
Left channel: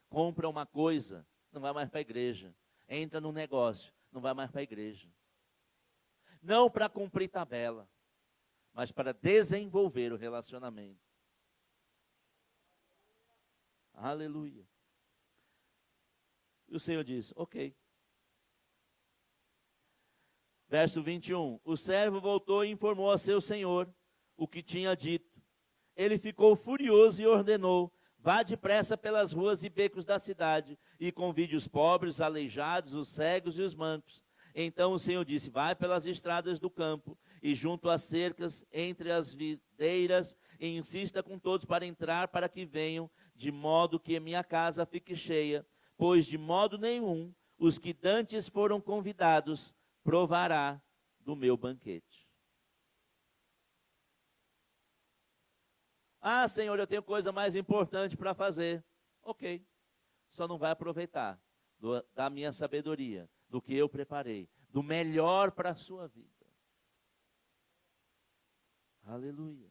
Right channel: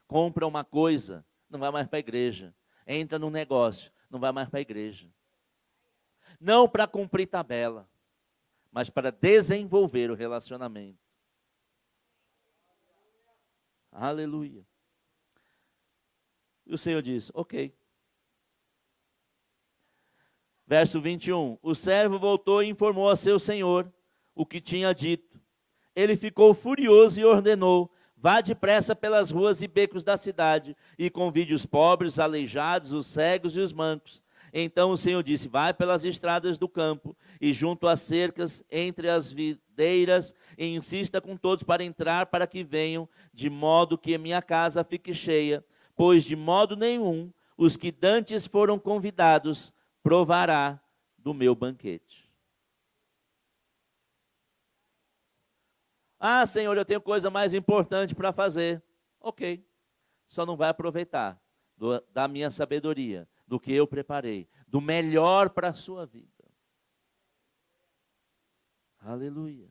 Compra uma coisa, não vai mais para a igreja. Entra num negócio, não vai mais para a igreja. Não para cumprir tabela, mas para desenvolver o relacionamento. Aleluia. E o Senhor diz: ok. Verso 21. O servo voltou e informou a seu senhor o que tinha dito. Ele ficou furioso e ordenou: Vá depressa pelas ruas e becos da cidade, e convide os pobres, os aleijados, os cegos e os mancos. Então o Senhor disse: vai pelas estradas do campo, e junto às cercas, entre as videiras, e insista com todos para entrar, para que venham, de modo que a minha casa fique cheia. Pois de modo nenhum os que dantes foram convidados provará do meu banquete. Ah, Senhor, eu tenho coisa mais importante para fazer. Ok, só não vai aproveitar da minha sabedoria, do que eu preparei, do melhor para a sua vida. Aleluia.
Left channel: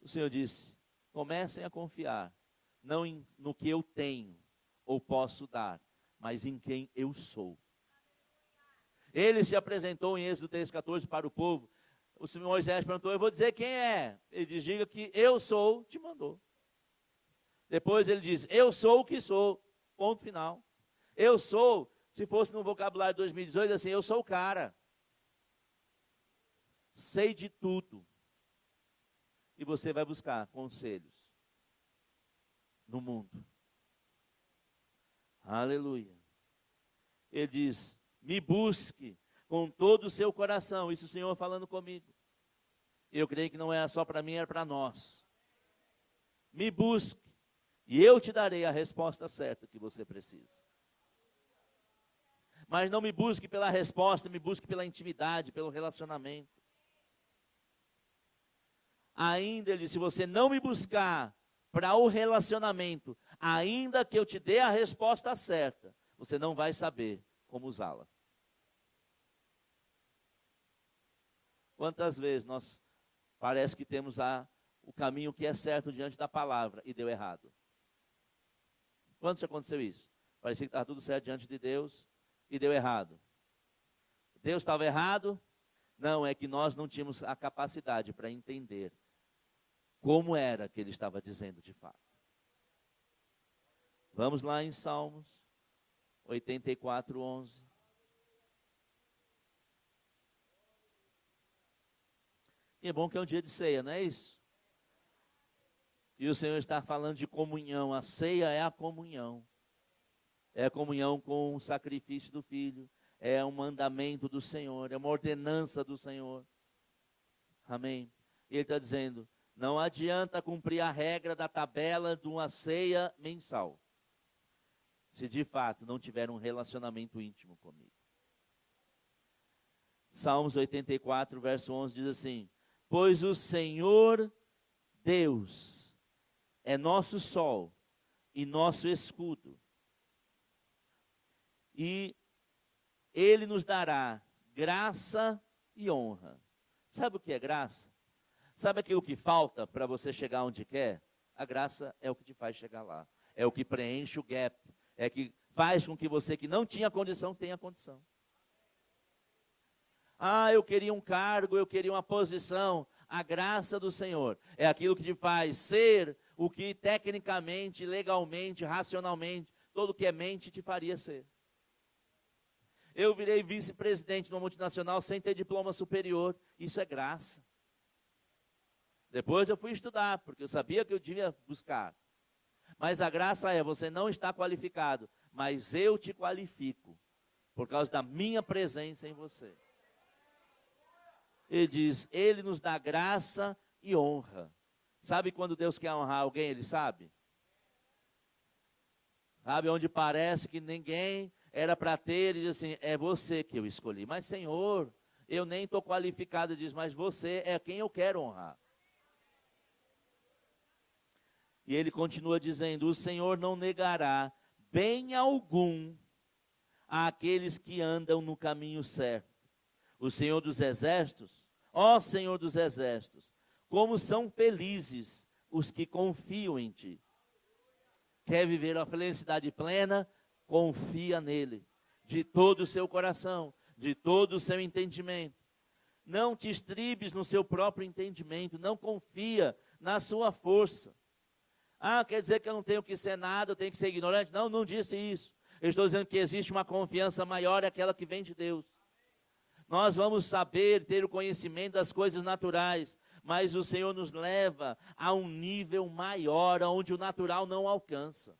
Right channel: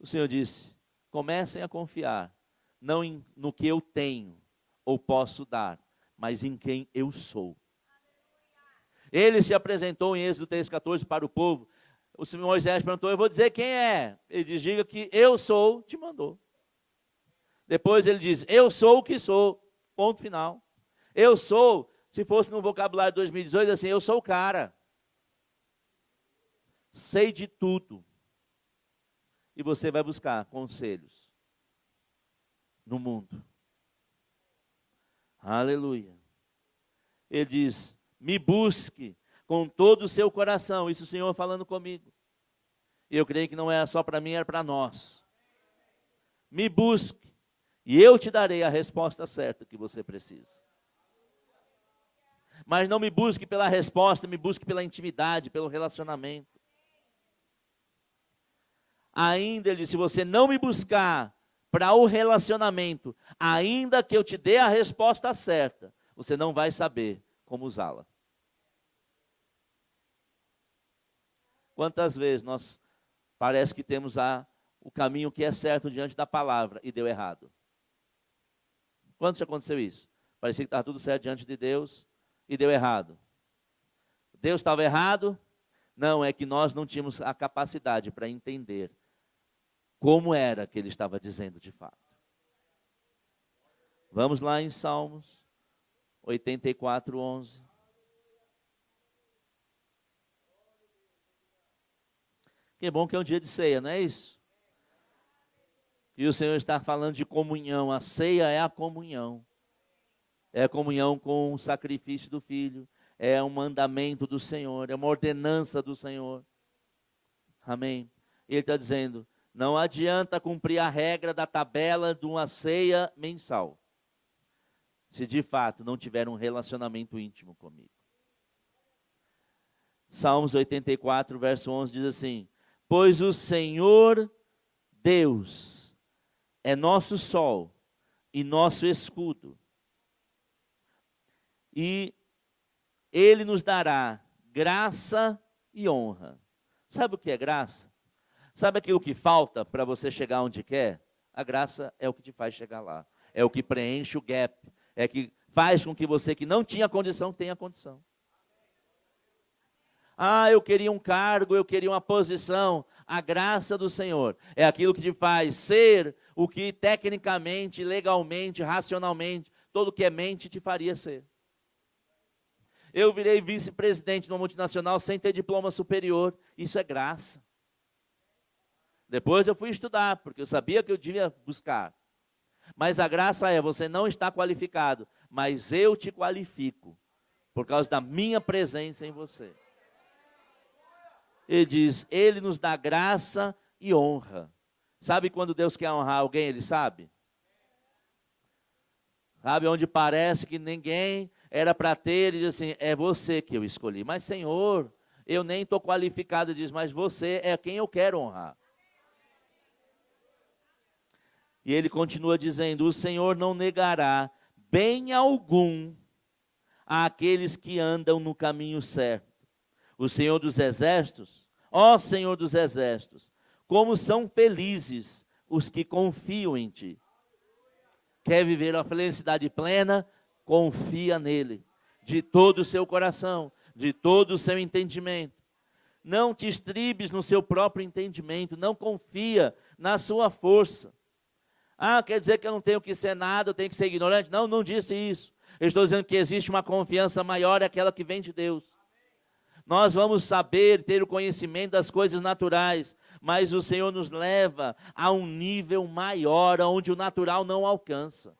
O Senhor disse: comecem a confiar, não no que eu tenho ou posso dar, mas em quem eu sou. Ele se apresentou em Êxodo 3,14 para o povo. O Senhor Moisés perguntou: eu vou dizer quem é. Ele diz: diga que eu sou, te mandou. Depois ele diz: eu sou o que sou. Ponto final. Eu sou, se fosse no vocabulário de 2018, assim, eu sou o cara. Sei de tudo. E você vai buscar conselhos no mundo. Aleluia. Ele diz: me busque com todo o seu coração. Isso o Senhor falando comigo. E eu creio que não é só para mim, é para nós. Me busque, e eu te darei a resposta certa que você precisa. Mas não me busque pela resposta, me busque pela intimidade, pelo relacionamento. Ainda, ele disse: se você não me buscar para o relacionamento, ainda que eu te dê a resposta certa, você não vai saber como usá-la. Quantas vezes nós parece que temos o caminho que é certo diante da palavra e deu errado? Quando já aconteceu isso? Parecia que estava tudo certo diante de Deus e deu errado. Deus estava errado? Não, é que nós não tínhamos a capacidade para entender como era que ele estava dizendo de fato. Vamos lá em Salmos 84:11. Que bom que é um dia de ceia, não é isso? E o Senhor está falando de comunhão. A ceia é a comunhão. É a comunhão com o sacrifício do Filho. É um mandamento do Senhor. É uma ordenança do Senhor. Amém? Ele está dizendo: não adianta cumprir a regra da tabela de uma ceia mensal, se de fato não tiver um relacionamento íntimo comigo. Salmos 84, verso 11 diz assim: pois o Senhor Deus é nosso sol e nosso escudo, e Ele nos dará graça e honra. Sabe o que é graça? Sabe aquilo que falta para você chegar onde quer? A graça é o que te faz chegar lá. É o que preenche o gap. É que faz com que você que não tinha condição, tenha condição. Ah, eu queria um cargo, eu queria uma posição. A graça do Senhor é aquilo que te faz ser o que tecnicamente, legalmente, racionalmente, todo que é mente te faria ser. Eu virei vice-presidente de uma multinacional sem ter diploma superior. Isso é graça. Depois eu fui estudar, porque eu sabia que eu devia buscar. Mas a graça é: você não está qualificado, mas eu te qualifico, por causa da minha presença em você. Ele diz: Ele nos dá graça e honra. Sabe quando Deus quer honrar alguém, Ele sabe? Sabe onde parece que ninguém era para ter, Ele diz assim: é você que eu escolhi. Mas Senhor, eu nem estou qualificado. Ele diz: mas você é quem eu quero honrar. E ele continua dizendo: o Senhor não negará bem algum àqueles que andam no caminho certo. O Senhor dos Exércitos, ó Senhor dos Exércitos, como são felizes os que confiam em Ti. Quer viver a felicidade plena? Confia nele, de todo o seu coração, de todo o seu entendimento. Não te estribes no seu próprio entendimento, não confia na sua força. Ah, quer dizer que eu não tenho que ser nada, eu tenho que ser ignorante? Não, não disse isso. Eu estou dizendo que existe uma confiança maior, é aquela que vem de Deus. Nós vamos saber, ter o conhecimento das coisas naturais, mas o Senhor nos leva a um nível maior, onde o natural não alcança,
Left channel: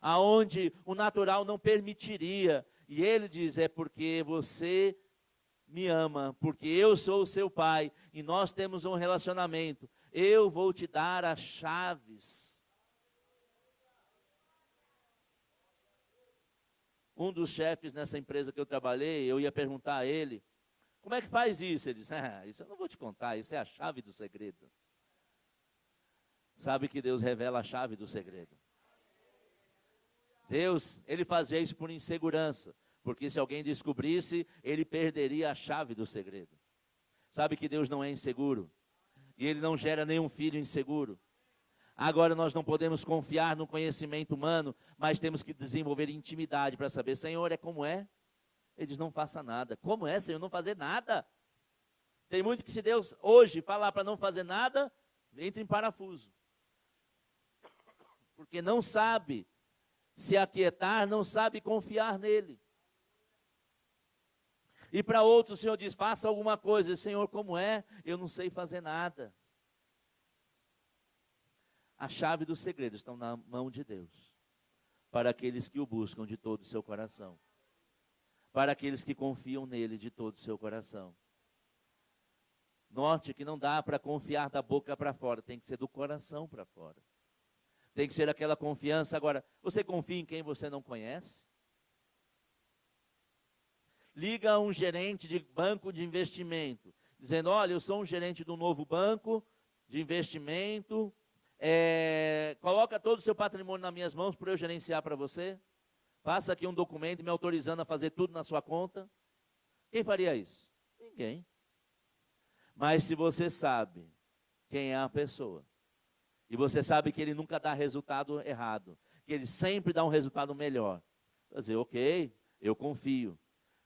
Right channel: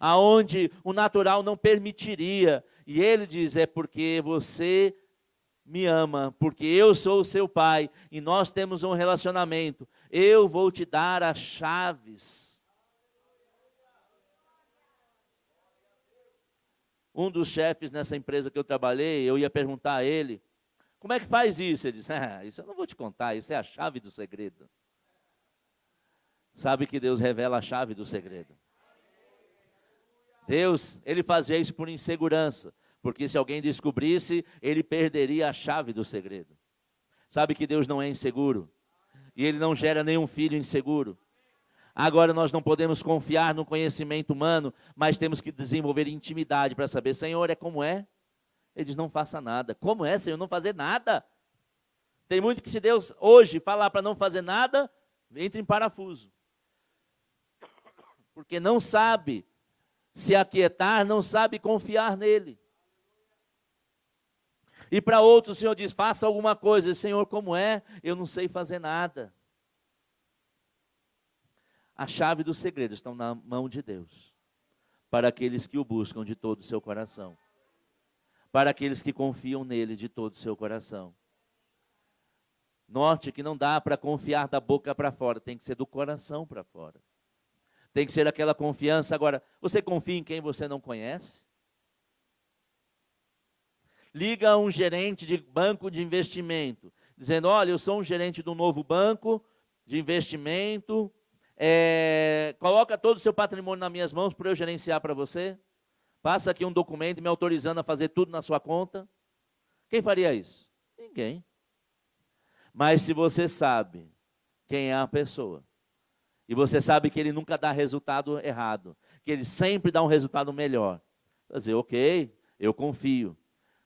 aonde o natural não permitiria. E ele diz, é porque você me ama, porque eu sou o seu pai, e nós temos um relacionamento. Eu vou te dar as chaves. Um dos chefes nessa empresa que eu trabalhei, eu ia perguntar a ele, como é que faz isso? Ele disse, isso eu não vou te contar, isso é a chave do segredo. Sabe que Deus revela a chave do segredo. Deus, ele fazia isso por insegurança, porque se alguém descobrisse, ele perderia a chave do segredo. Sabe que Deus não é inseguro, e ele não gera nenhum filho inseguro. Agora nós não podemos confiar no conhecimento humano, mas temos que desenvolver intimidade para saber, Senhor, é como é? Ele diz, não faça nada. Como é, Senhor, não fazer nada? Tem muito que se Deus hoje falar para não fazer nada, entra em parafuso. Porque não sabe se aquietar, não sabe confiar nele. E para outros o Senhor diz, faça alguma coisa. Senhor, como é? Eu não sei fazer nada. A chave do segredo está na mão de Deus. Para aqueles que o buscam de todo o seu coração. Para aqueles que confiam nele de todo o seu coração. Note que não dá para confiar da boca para fora, tem que ser do coração para fora. Tem que ser aquela confiança. Agora, você confia em quem você não conhece? Liga a um gerente de banco de investimento, dizendo, olha, eu sou um gerente de um novo banco de investimento, coloca todo o seu patrimônio nas minhas mãos para eu gerenciar para você. Passa aqui um documento me autorizando a fazer tudo na sua conta. Quem faria isso? Ninguém. Mas se você sabe quem é a pessoa, e você sabe que ele nunca dá resultado errado, que ele sempre dá um resultado melhor, vai dizer, ok, eu confio.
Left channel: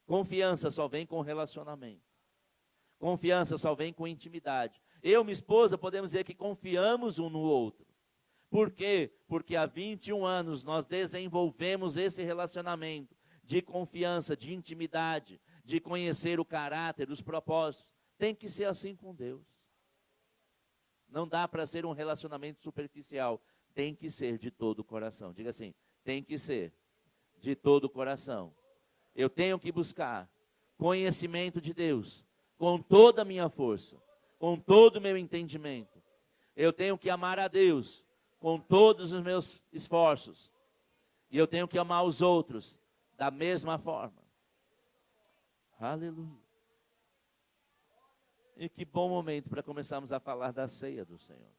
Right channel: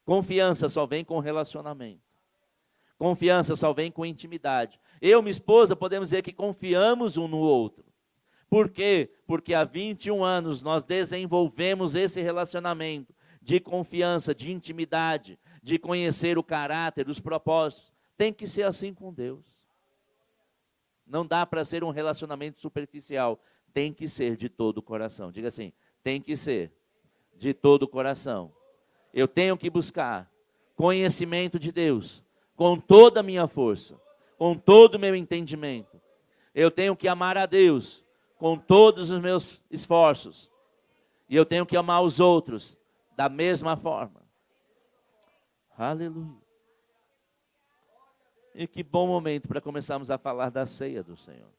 Confiança só vem com relacionamento. Confiança só vem com intimidade. Eu e minha esposa podemos dizer que confiamos um no outro. Por quê? Porque há 21 anos nós desenvolvemos esse relacionamento de confiança, de intimidade, de conhecer o caráter, os propósitos. Tem que ser assim com Deus. Não dá para ser um relacionamento superficial. Tem que ser de todo o coração. Diga assim, tem que ser de todo o coração. Eu tenho que buscar conhecimento de Deus com toda a minha força, com todo o meu entendimento. Eu tenho que amar a Deus com todos os meus esforços. E eu tenho que amar os outros da mesma forma. Aleluia. E que bom momento para começarmos a falar da ceia do Senhor.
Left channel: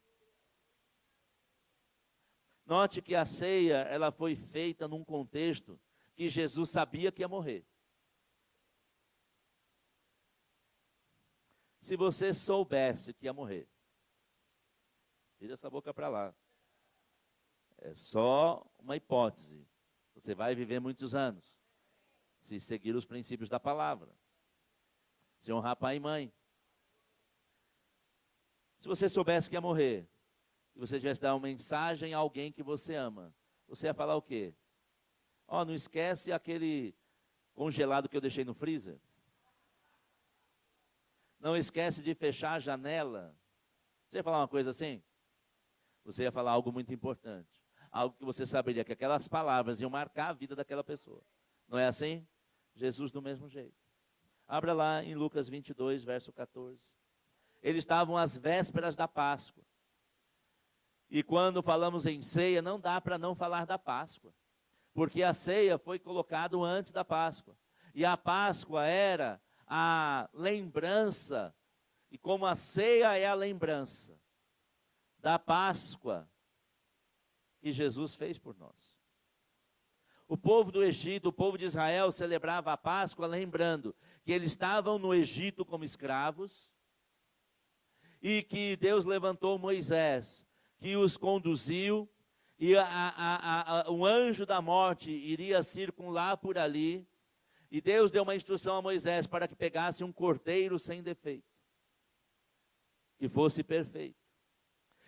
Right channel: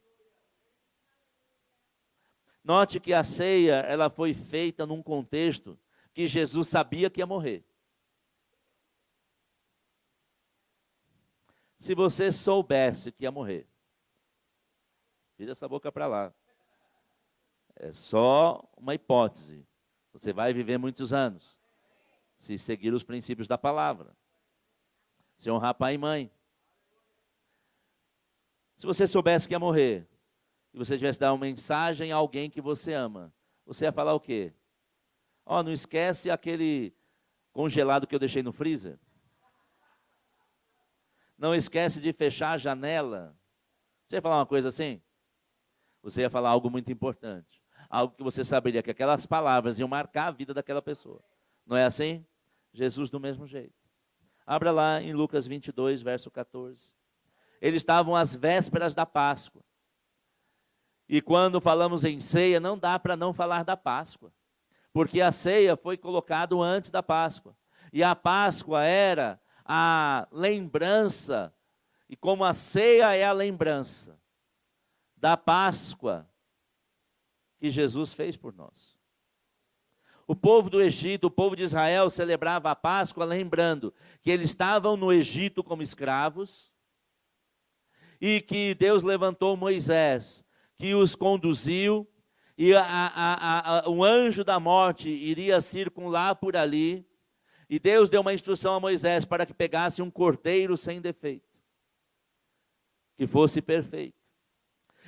Note que a ceia, ela foi feita num contexto que Jesus sabia que ia morrer. Se você soubesse que ia morrer, tira essa boca para lá. É só uma hipótese. Você vai viver muitos anos, se seguir os princípios da palavra. Se honrar pai e mãe. Se você soubesse que ia morrer, e você tivesse dar uma mensagem a alguém que você ama, você ia falar o quê? Não esquece aquele congelado que eu deixei no freezer. Não esquece de fechar a janela. Você ia falar uma coisa assim? Você ia falar algo muito importante. Algo que você saberia que aquelas palavras iam marcar a vida daquela pessoa. Não é assim? Jesus do mesmo jeito. Abra lá em Lucas 22, verso 14. Eles estavam às vésperas da Páscoa. E quando falamos em ceia, não dá para não falar da Páscoa. Porque a ceia foi colocada antes da Páscoa. E a Páscoa era a lembrança. E como a ceia é a lembrança da Páscoa que Jesus fez por nós. O povo do Egito, o povo de Israel celebrava a Páscoa lembrando que eles estavam no Egito como escravos e que Deus levantou Moisés, que os conduziu, e o anjo da morte iria circular por ali, e Deus deu uma instrução a Moisés para que pegasse um cordeiro sem defeito, que fosse perfeito,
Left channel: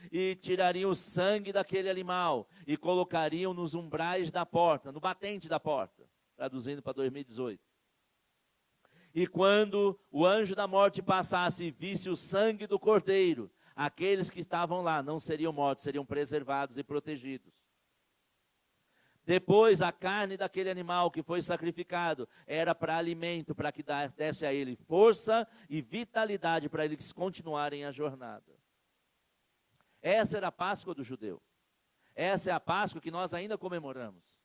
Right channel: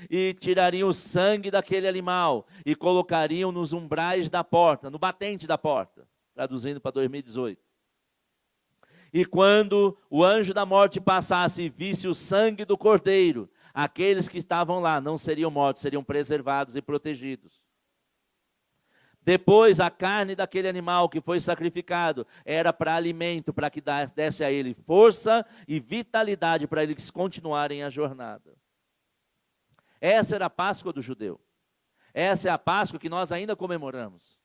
e tirariam o sangue daquele animal, e colocariam nos umbrais da porta, no batente da porta, traduzindo para 2018. E quando o anjo da morte passasse e visse o sangue do cordeiro, aqueles que estavam lá não seriam mortos, seriam preservados e protegidos. Depois, a carne daquele animal que foi sacrificado era para alimento, para que desse a ele força e vitalidade para eles continuarem a jornada. Essa era a Páscoa do judeu. Essa é a Páscoa que nós ainda comemoramos.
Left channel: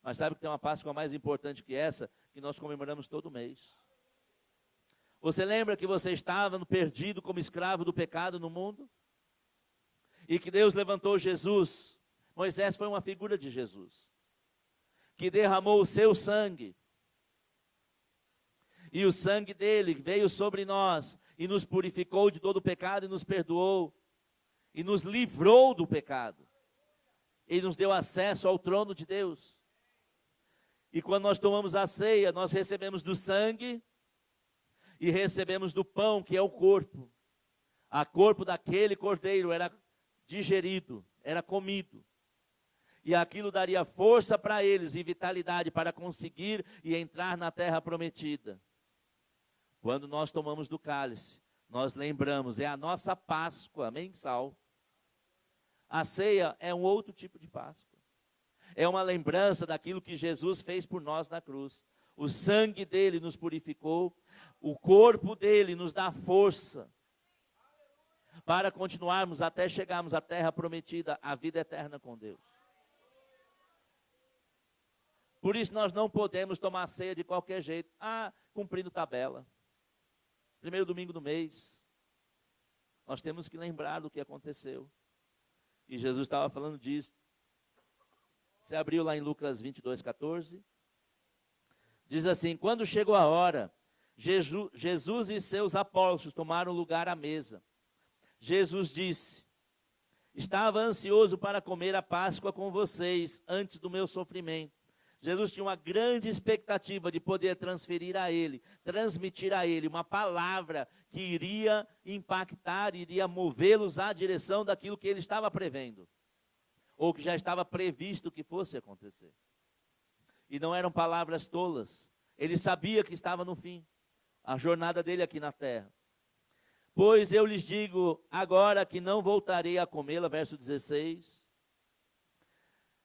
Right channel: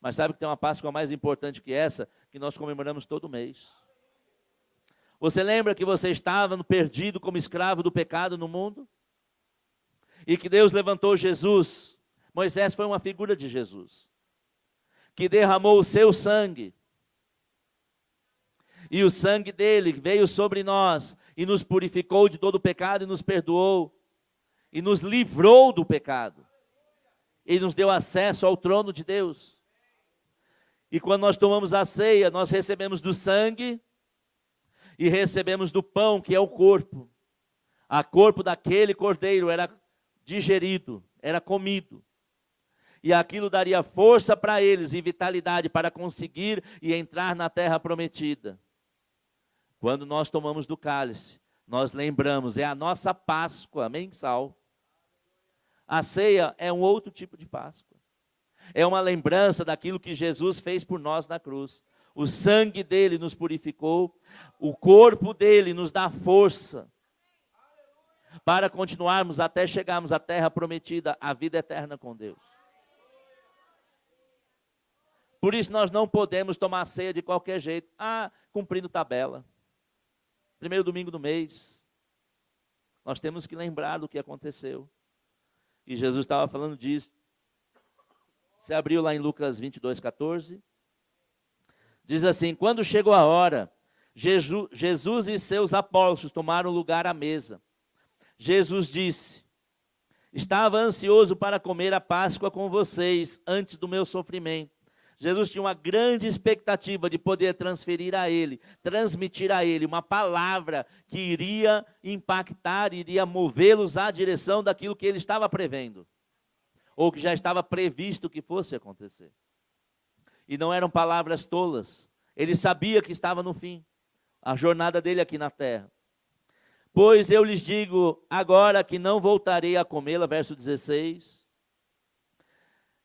Mas sabe que tem uma Páscoa mais importante que essa, que nós comemoramos todo mês. Você lembra que você estava perdido como escravo do pecado no mundo? E que Deus levantou Jesus. Moisés foi uma figura de Jesus, que derramou o seu sangue. E o sangue dele veio sobre nós e nos purificou de todo o pecado e nos perdoou. E nos livrou do pecado. Ele nos deu acesso ao trono de Deus. E quando nós tomamos a ceia, nós recebemos do sangue e recebemos do pão, que é o corpo. O corpo daquele cordeiro era digerido, era comido. E aquilo daria força para eles e vitalidade para conseguir e entrar na terra prometida. Quando nós tomamos do cálice, nós lembramos, é a nossa Páscoa mensal. A ceia é um outro tipo de Páscoa. É uma lembrança daquilo que Jesus fez por nós na cruz. O sangue dele nos purificou, o corpo dele nos dá força para continuarmos até chegarmos à terra prometida, a vida eterna com Deus. Por isso nós não podemos tomar ceia de qualquer jeito. Cumprindo tabela. Primeiro domingo do mês. Nós temos que lembrar do que aconteceu. E Jesus estava falando disso. Você abriu lá em Lucas 22:14. Diz assim: quando chegou a hora, Jesus e seus apóstolos tomaram lugar à mesa. Jesus disse: estava ansioso para comer a Páscoa com vocês antes do meu sofrimento. Jesus tinha uma grande expectativa de poder transmitir a ele uma palavra que iria impactar, iria movê-los à direção daquilo que ele estava prevendo, ou que já estava previsto que fosse acontecer. E não eram palavras tolas. Ele sabia que estava no fim, a jornada dele aqui na terra. Pois eu lhes digo agora que não voltarei a comê-la, verso 16.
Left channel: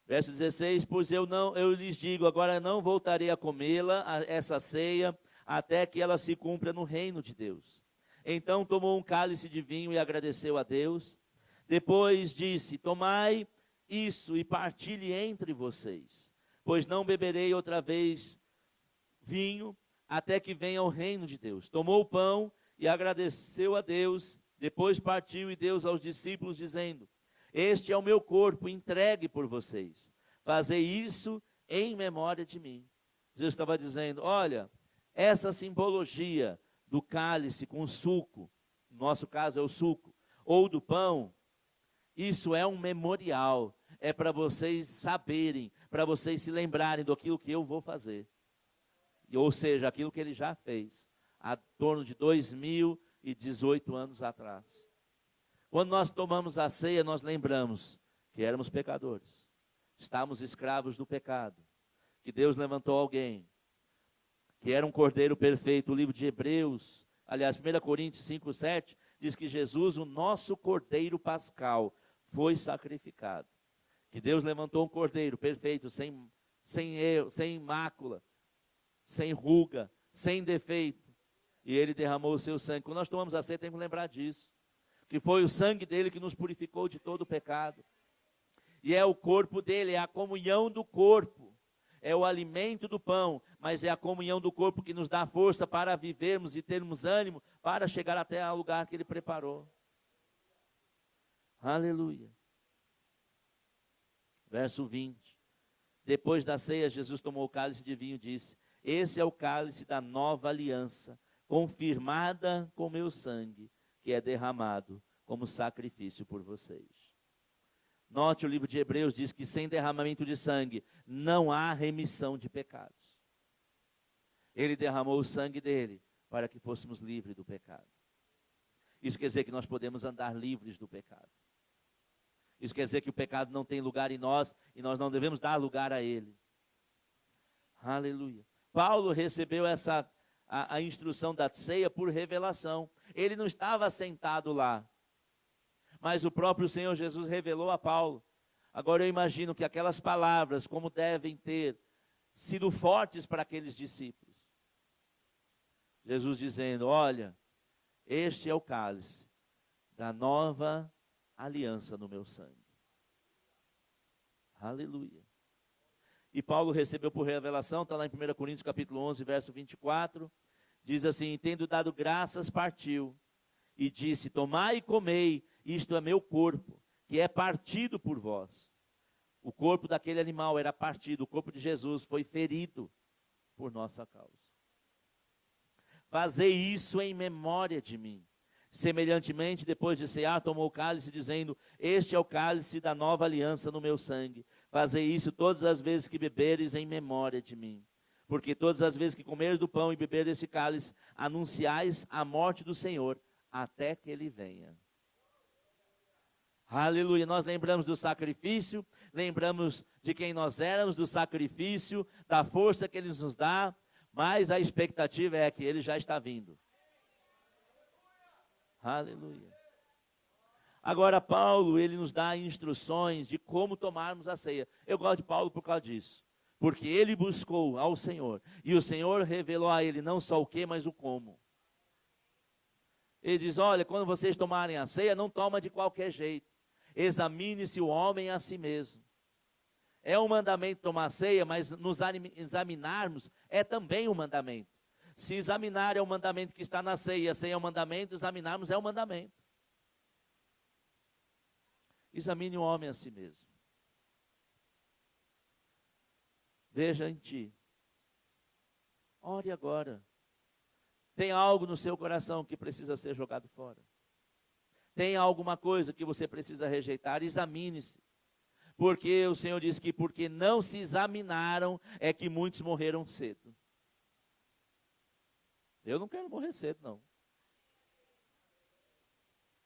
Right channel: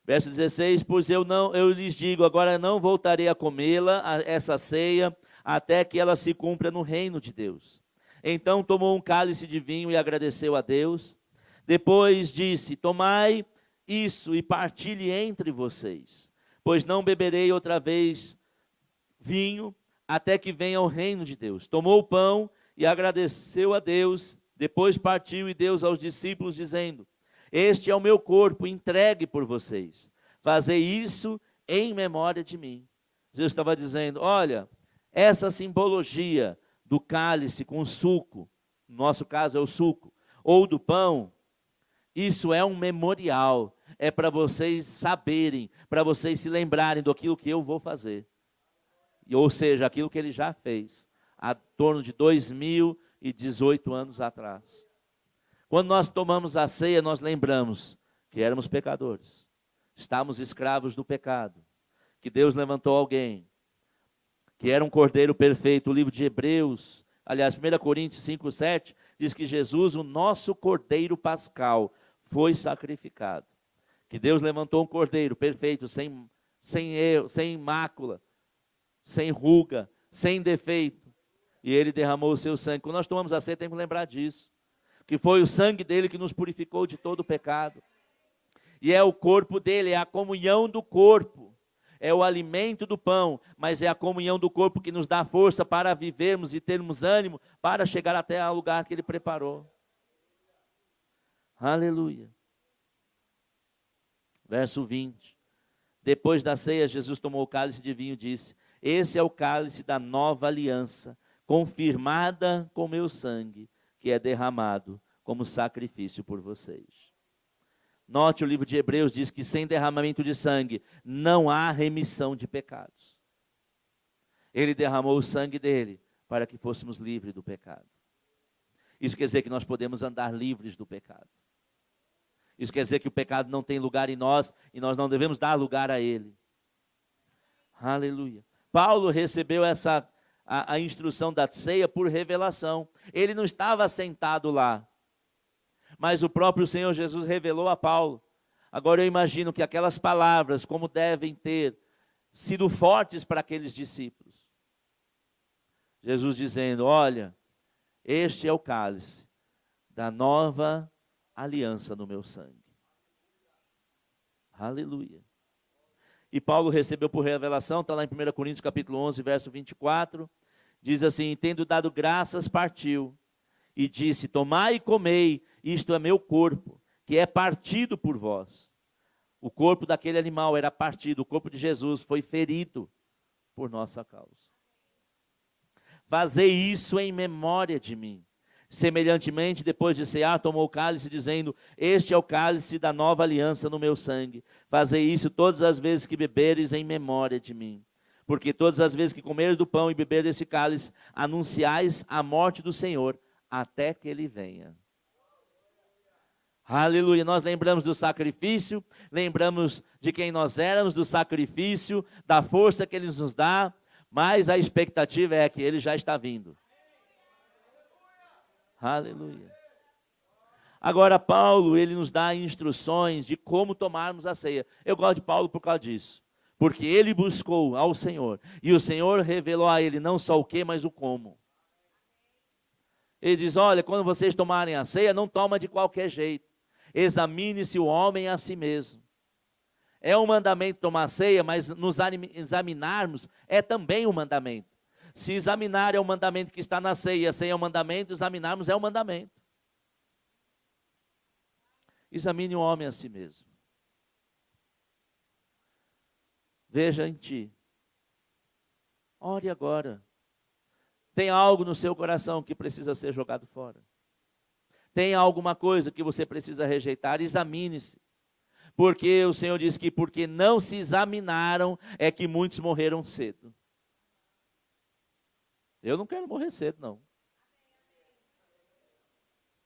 Verso 16, pois eu lhes digo, agora não voltarei a comê-la, essa ceia, até que ela se cumpra no reino de Deus. Então tomou um cálice de vinho e agradeceu a Deus. Depois disse: tomai isso e partilhe entre vocês, pois não beberei outra vez vinho, até que venha o reino de Deus. Tomou o pão e agradeceu a Deus, depois partiu e deu aos discípulos, dizendo: este é o meu corpo entregue por vocês. Fazei isso em memória de mim. Jesus estava dizendo: olha, essa simbologia do cálice com suco, no nosso caso é o suco, ou do pão, isso é um memorial. É para vocês saberem, para vocês se lembrarem daquilo que eu vou fazer. Ou seja, aquilo que ele já fez, há torno de 2018 anos atrás. Quando nós tomamos a ceia, nós lembramos que éramos pecadores. Estávamos escravos do pecado. Que Deus levantou alguém, que era um cordeiro perfeito. O livro de Hebreus, aliás, 1 Coríntios 5:7, diz que Jesus, o nosso cordeiro pascal, foi sacrificado. Que Deus levantou um cordeiro perfeito, sem erro, sem mácula, sem ruga, sem defeito. E ele derramou o seu sangue. Quando nós tomamos a ceia, temos que lembrar disso. Que foi o sangue dele que nos purificou de todo o pecado. E é o corpo dele, é a comunhão do corpo. É o alimento do pão, mas é a comunhão do corpo que nos dá força para vivermos e termos ânimo para chegar até ao lugar que ele preparou. Aleluia. Verso 20. Depois da ceia, Jesus tomou o cálice de vinho e disse: esse é o cálice da nova aliança, confirmada com meu sangue, que é derramado como sacrifício por vocês. Note, o livro de Hebreus diz que sem derramamento de sangue não há remissão de pecados. Ele derramou o sangue dele para que fôssemos livres do pecado. Isso quer dizer que nós podemos andar livres do pecado. Isso quer dizer que o pecado não tem lugar em nós e nós não devemos dar lugar a ele. Aleluia. Paulo recebeu a instrução da ceia por revelação. Ele não estava sentado lá, mas o próprio Senhor Jesus revelou a Paulo. Agora eu imagino que aquelas palavras, como devem ter sido fortes para aqueles discípulos. Jesus dizendo: olha, este é o cálice da nova aliança no meu sangue. Aleluia. E Paulo recebeu por revelação, está lá em 1 Coríntios capítulo 11, verso 24, diz assim: tendo dado graças, partiu, e disse: tomai e comei, isto é meu corpo, que é partido por vós. O corpo daquele animal era partido, o corpo de Jesus foi ferido por nossa causa. Fazei isso em memória de mim. Semelhantemente, depois de cear, tomou o cálice, dizendo: este é o cálice da nova aliança no meu sangue. Fazei isso todas as vezes que beberes em memória de mim. Porque todas as vezes que comeres do pão e beber desse cálice, anunciais a morte do Senhor, até que ele venha. Aleluia. Nós lembramos do sacrifício, lembramos de quem nós éramos, do sacrifício, da força que ele nos dá, mas a expectativa é que ele já está vindo. Aleluia. Agora Paulo, ele nos dá instruções de como tomarmos a ceia. Eu gosto de Paulo por causa disso. Porque ele buscou ao Senhor. E o Senhor revelou a ele não só o que, mas o como. Ele diz: olha, quando vocês tomarem a ceia, não toma de qualquer jeito. Examine-se o homem a si mesmo. É um mandamento tomar a ceia, mas nos examinarmos é também um mandamento. Se examinar é o mandamento que está na ceia, a ceia é o mandamento, examinarmos é o mandamento. Examine o homem a si mesmo. Veja em ti. Ore agora. Tem algo no seu coração que precisa ser jogado fora? Tem alguma coisa que você precisa rejeitar? Examine-se. Porque o Senhor diz que porque não se examinaram é que muitos morreram cedo. Eu não quero morrer cedo, não.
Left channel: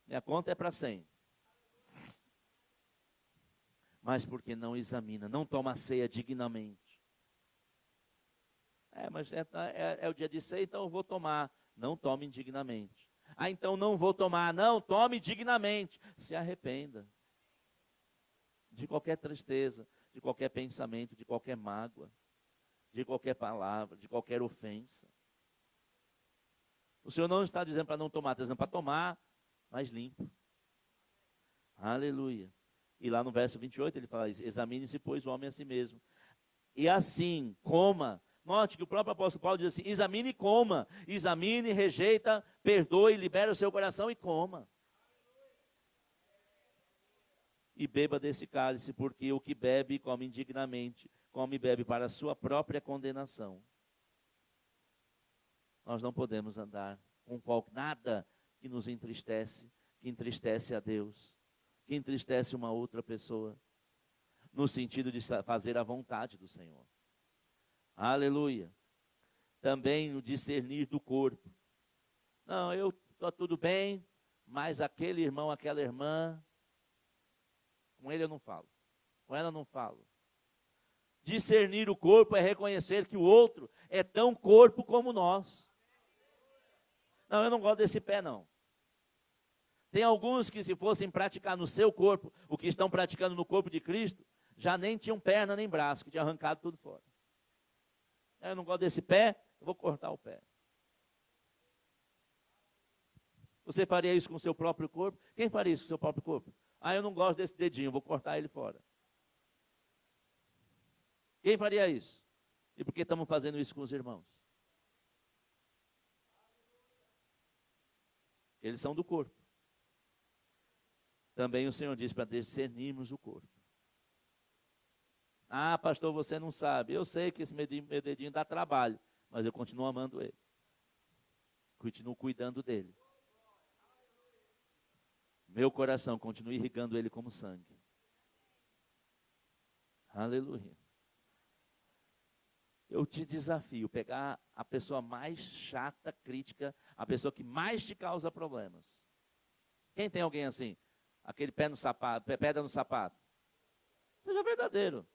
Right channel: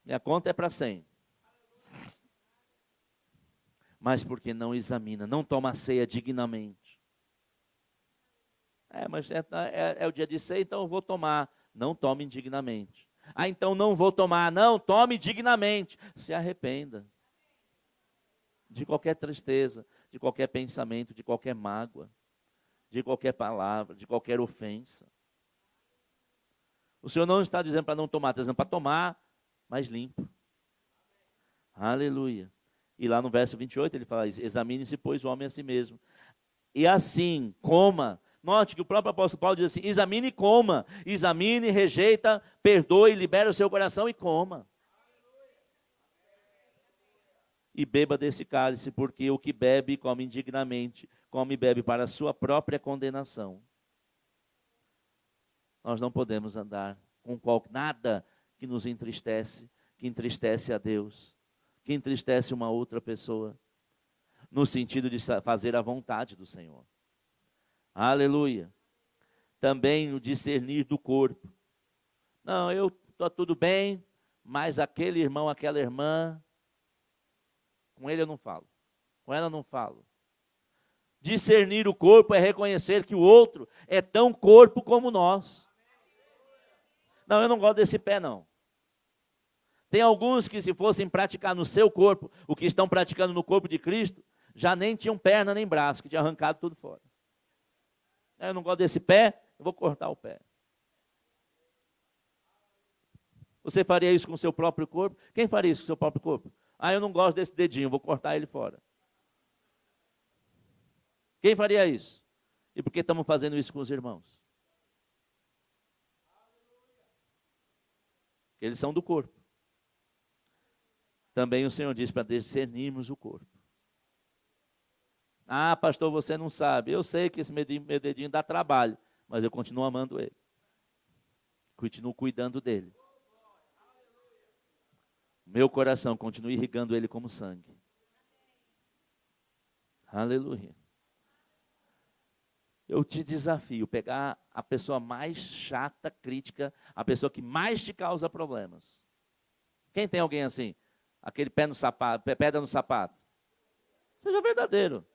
Minha conta é para 100. Mas porque não examina, não toma a ceia dignamente. Mas é o dia de ceia, então eu vou tomar. Não tome indignamente. Então não vou tomar. Não, tome dignamente. Se arrependa de qualquer tristeza, de qualquer pensamento, de qualquer mágoa, de qualquer palavra, de qualquer ofensa. O Senhor não está dizendo para não tomar, está dizendo para tomar, mas limpo. Aleluia. E lá no verso 28 ele fala: examine-se, pois, o homem a si mesmo. E assim, coma. Note que o próprio apóstolo Paulo diz assim: examine e coma. Examine, rejeita, perdoe, libera o seu coração e coma. E beba desse cálice, porque o que bebe, come indignamente, come e bebe para a sua própria condenação. Nós não podemos andar com nada que nos entristece, que entristece a Deus, que entristece uma outra pessoa, no sentido de fazer a vontade do Senhor. Aleluia. Também o discernir do corpo. Não, eu estou tudo bem, mas aquele irmão, aquela irmã, com ele eu não falo, com ela eu não falo. Discernir o corpo é reconhecer que o outro é tão corpo como nós. Não, eu não gosto desse pé, não. Tem alguns que, se fossem praticar no seu corpo o que estão praticando no corpo de Cristo, já nem tinham perna nem braço, que tinha arrancado tudo fora. Eu não gosto desse pé, eu vou cortar o pé. Você faria isso com o seu próprio corpo? Quem faria isso com o seu próprio corpo? Eu não gosto desse dedinho, vou cortar ele fora. Quem faria isso? E por que estamos fazendo isso com os irmãos? Eles são do corpo. Também o Senhor diz para discernirmos o corpo. Pastor, você não sabe. Eu sei que esse meu dedinho dá trabalho, mas eu continuo amando ele. Continuo cuidando dele. Meu coração continua irrigando ele como sangue. Aleluia. Eu te desafio, pegar a pessoa mais chata, crítica, a pessoa que mais te causa problemas. Quem tem alguém assim? Aquele pé no sapato, pedra no sapato. Seja verdadeiro.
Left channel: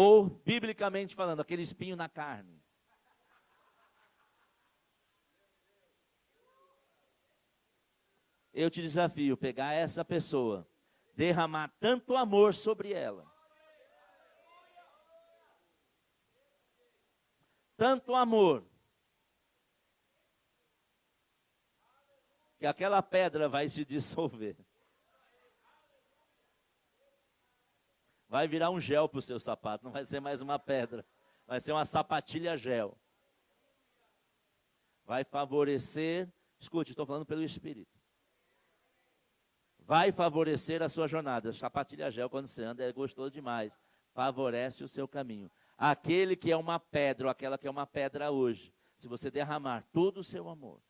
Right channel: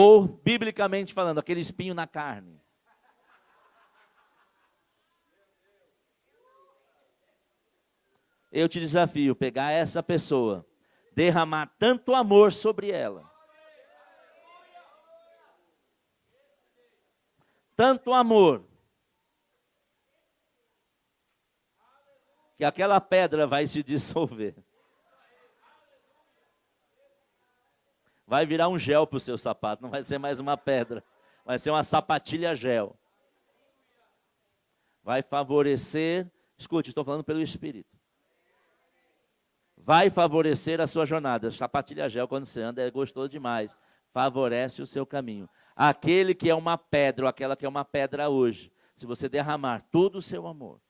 Ou, biblicamente falando, aquele espinho na carne. Eu te desafio, pegar essa pessoa, derramar tanto amor sobre ela. Tanto amor. Que aquela pedra vai se dissolver. Vai virar um gel para o seu sapato, não vai ser mais uma pedra. Vai ser uma sapatilha gel. Vai favorecer, escute, estou falando pelo Espírito. Vai favorecer a sua jornada. Sapatilha gel, quando você anda, é gostoso demais. Favorece o seu caminho. Aquele que é uma pedra, ou aquela que é uma pedra hoje, se você derramar todo o seu amor,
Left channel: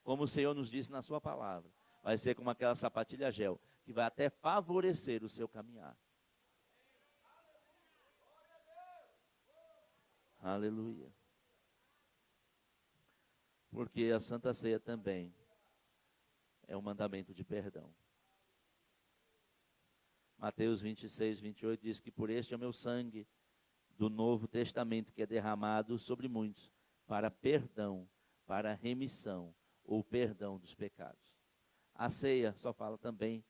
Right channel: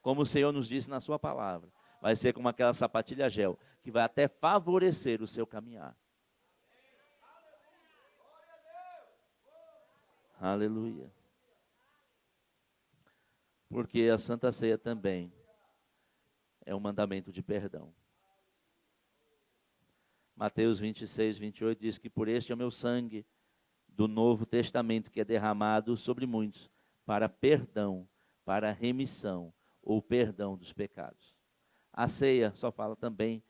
como o Senhor nos disse na sua palavra, vai ser como aquela sapatilha gel, que vai até favorecer o seu caminhar. Aleluia. Porque a Santa Ceia também é um mandamento de perdão. Mateus 26, 28 diz que por este é o meu sangue do Novo Testamento que é derramado sobre muitos para perdão, para remissão ou perdão dos pecados. A ceia só fala também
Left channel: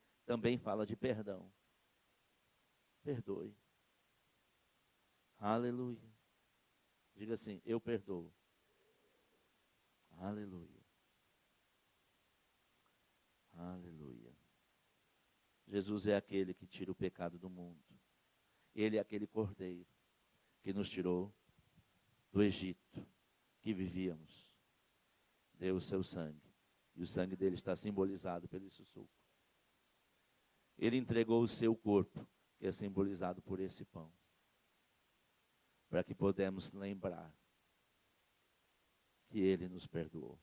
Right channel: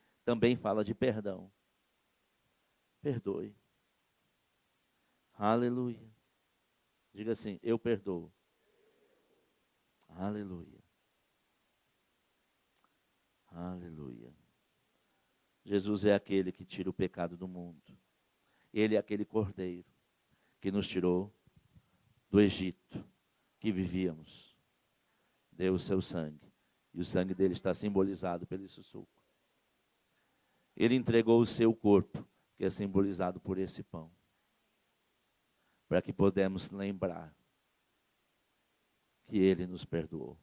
fala de perdão. Perdoe. Aleluia. Diga assim, eu perdoo. Aleluia. Aleluia. Jesus é aquele que tira o pecado do mundo. Ele é aquele cordeiro que nos tirou do Egito, que vivíamos. Deu o seu sangue. E o sangue dele está simbolizado pelo suco. Ele entregou o seu corpo, que é simbolizado por esse pão. Para que podemos lembrar que ele nos perdoou.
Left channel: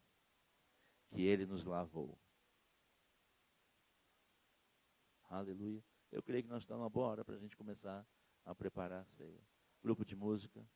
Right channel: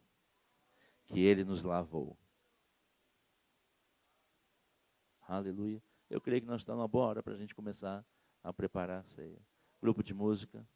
Que ele nos lavou. Aleluia. Eu creio que nós estamos uma boa hora para a gente começar a preparar a ceia. Grupo de música.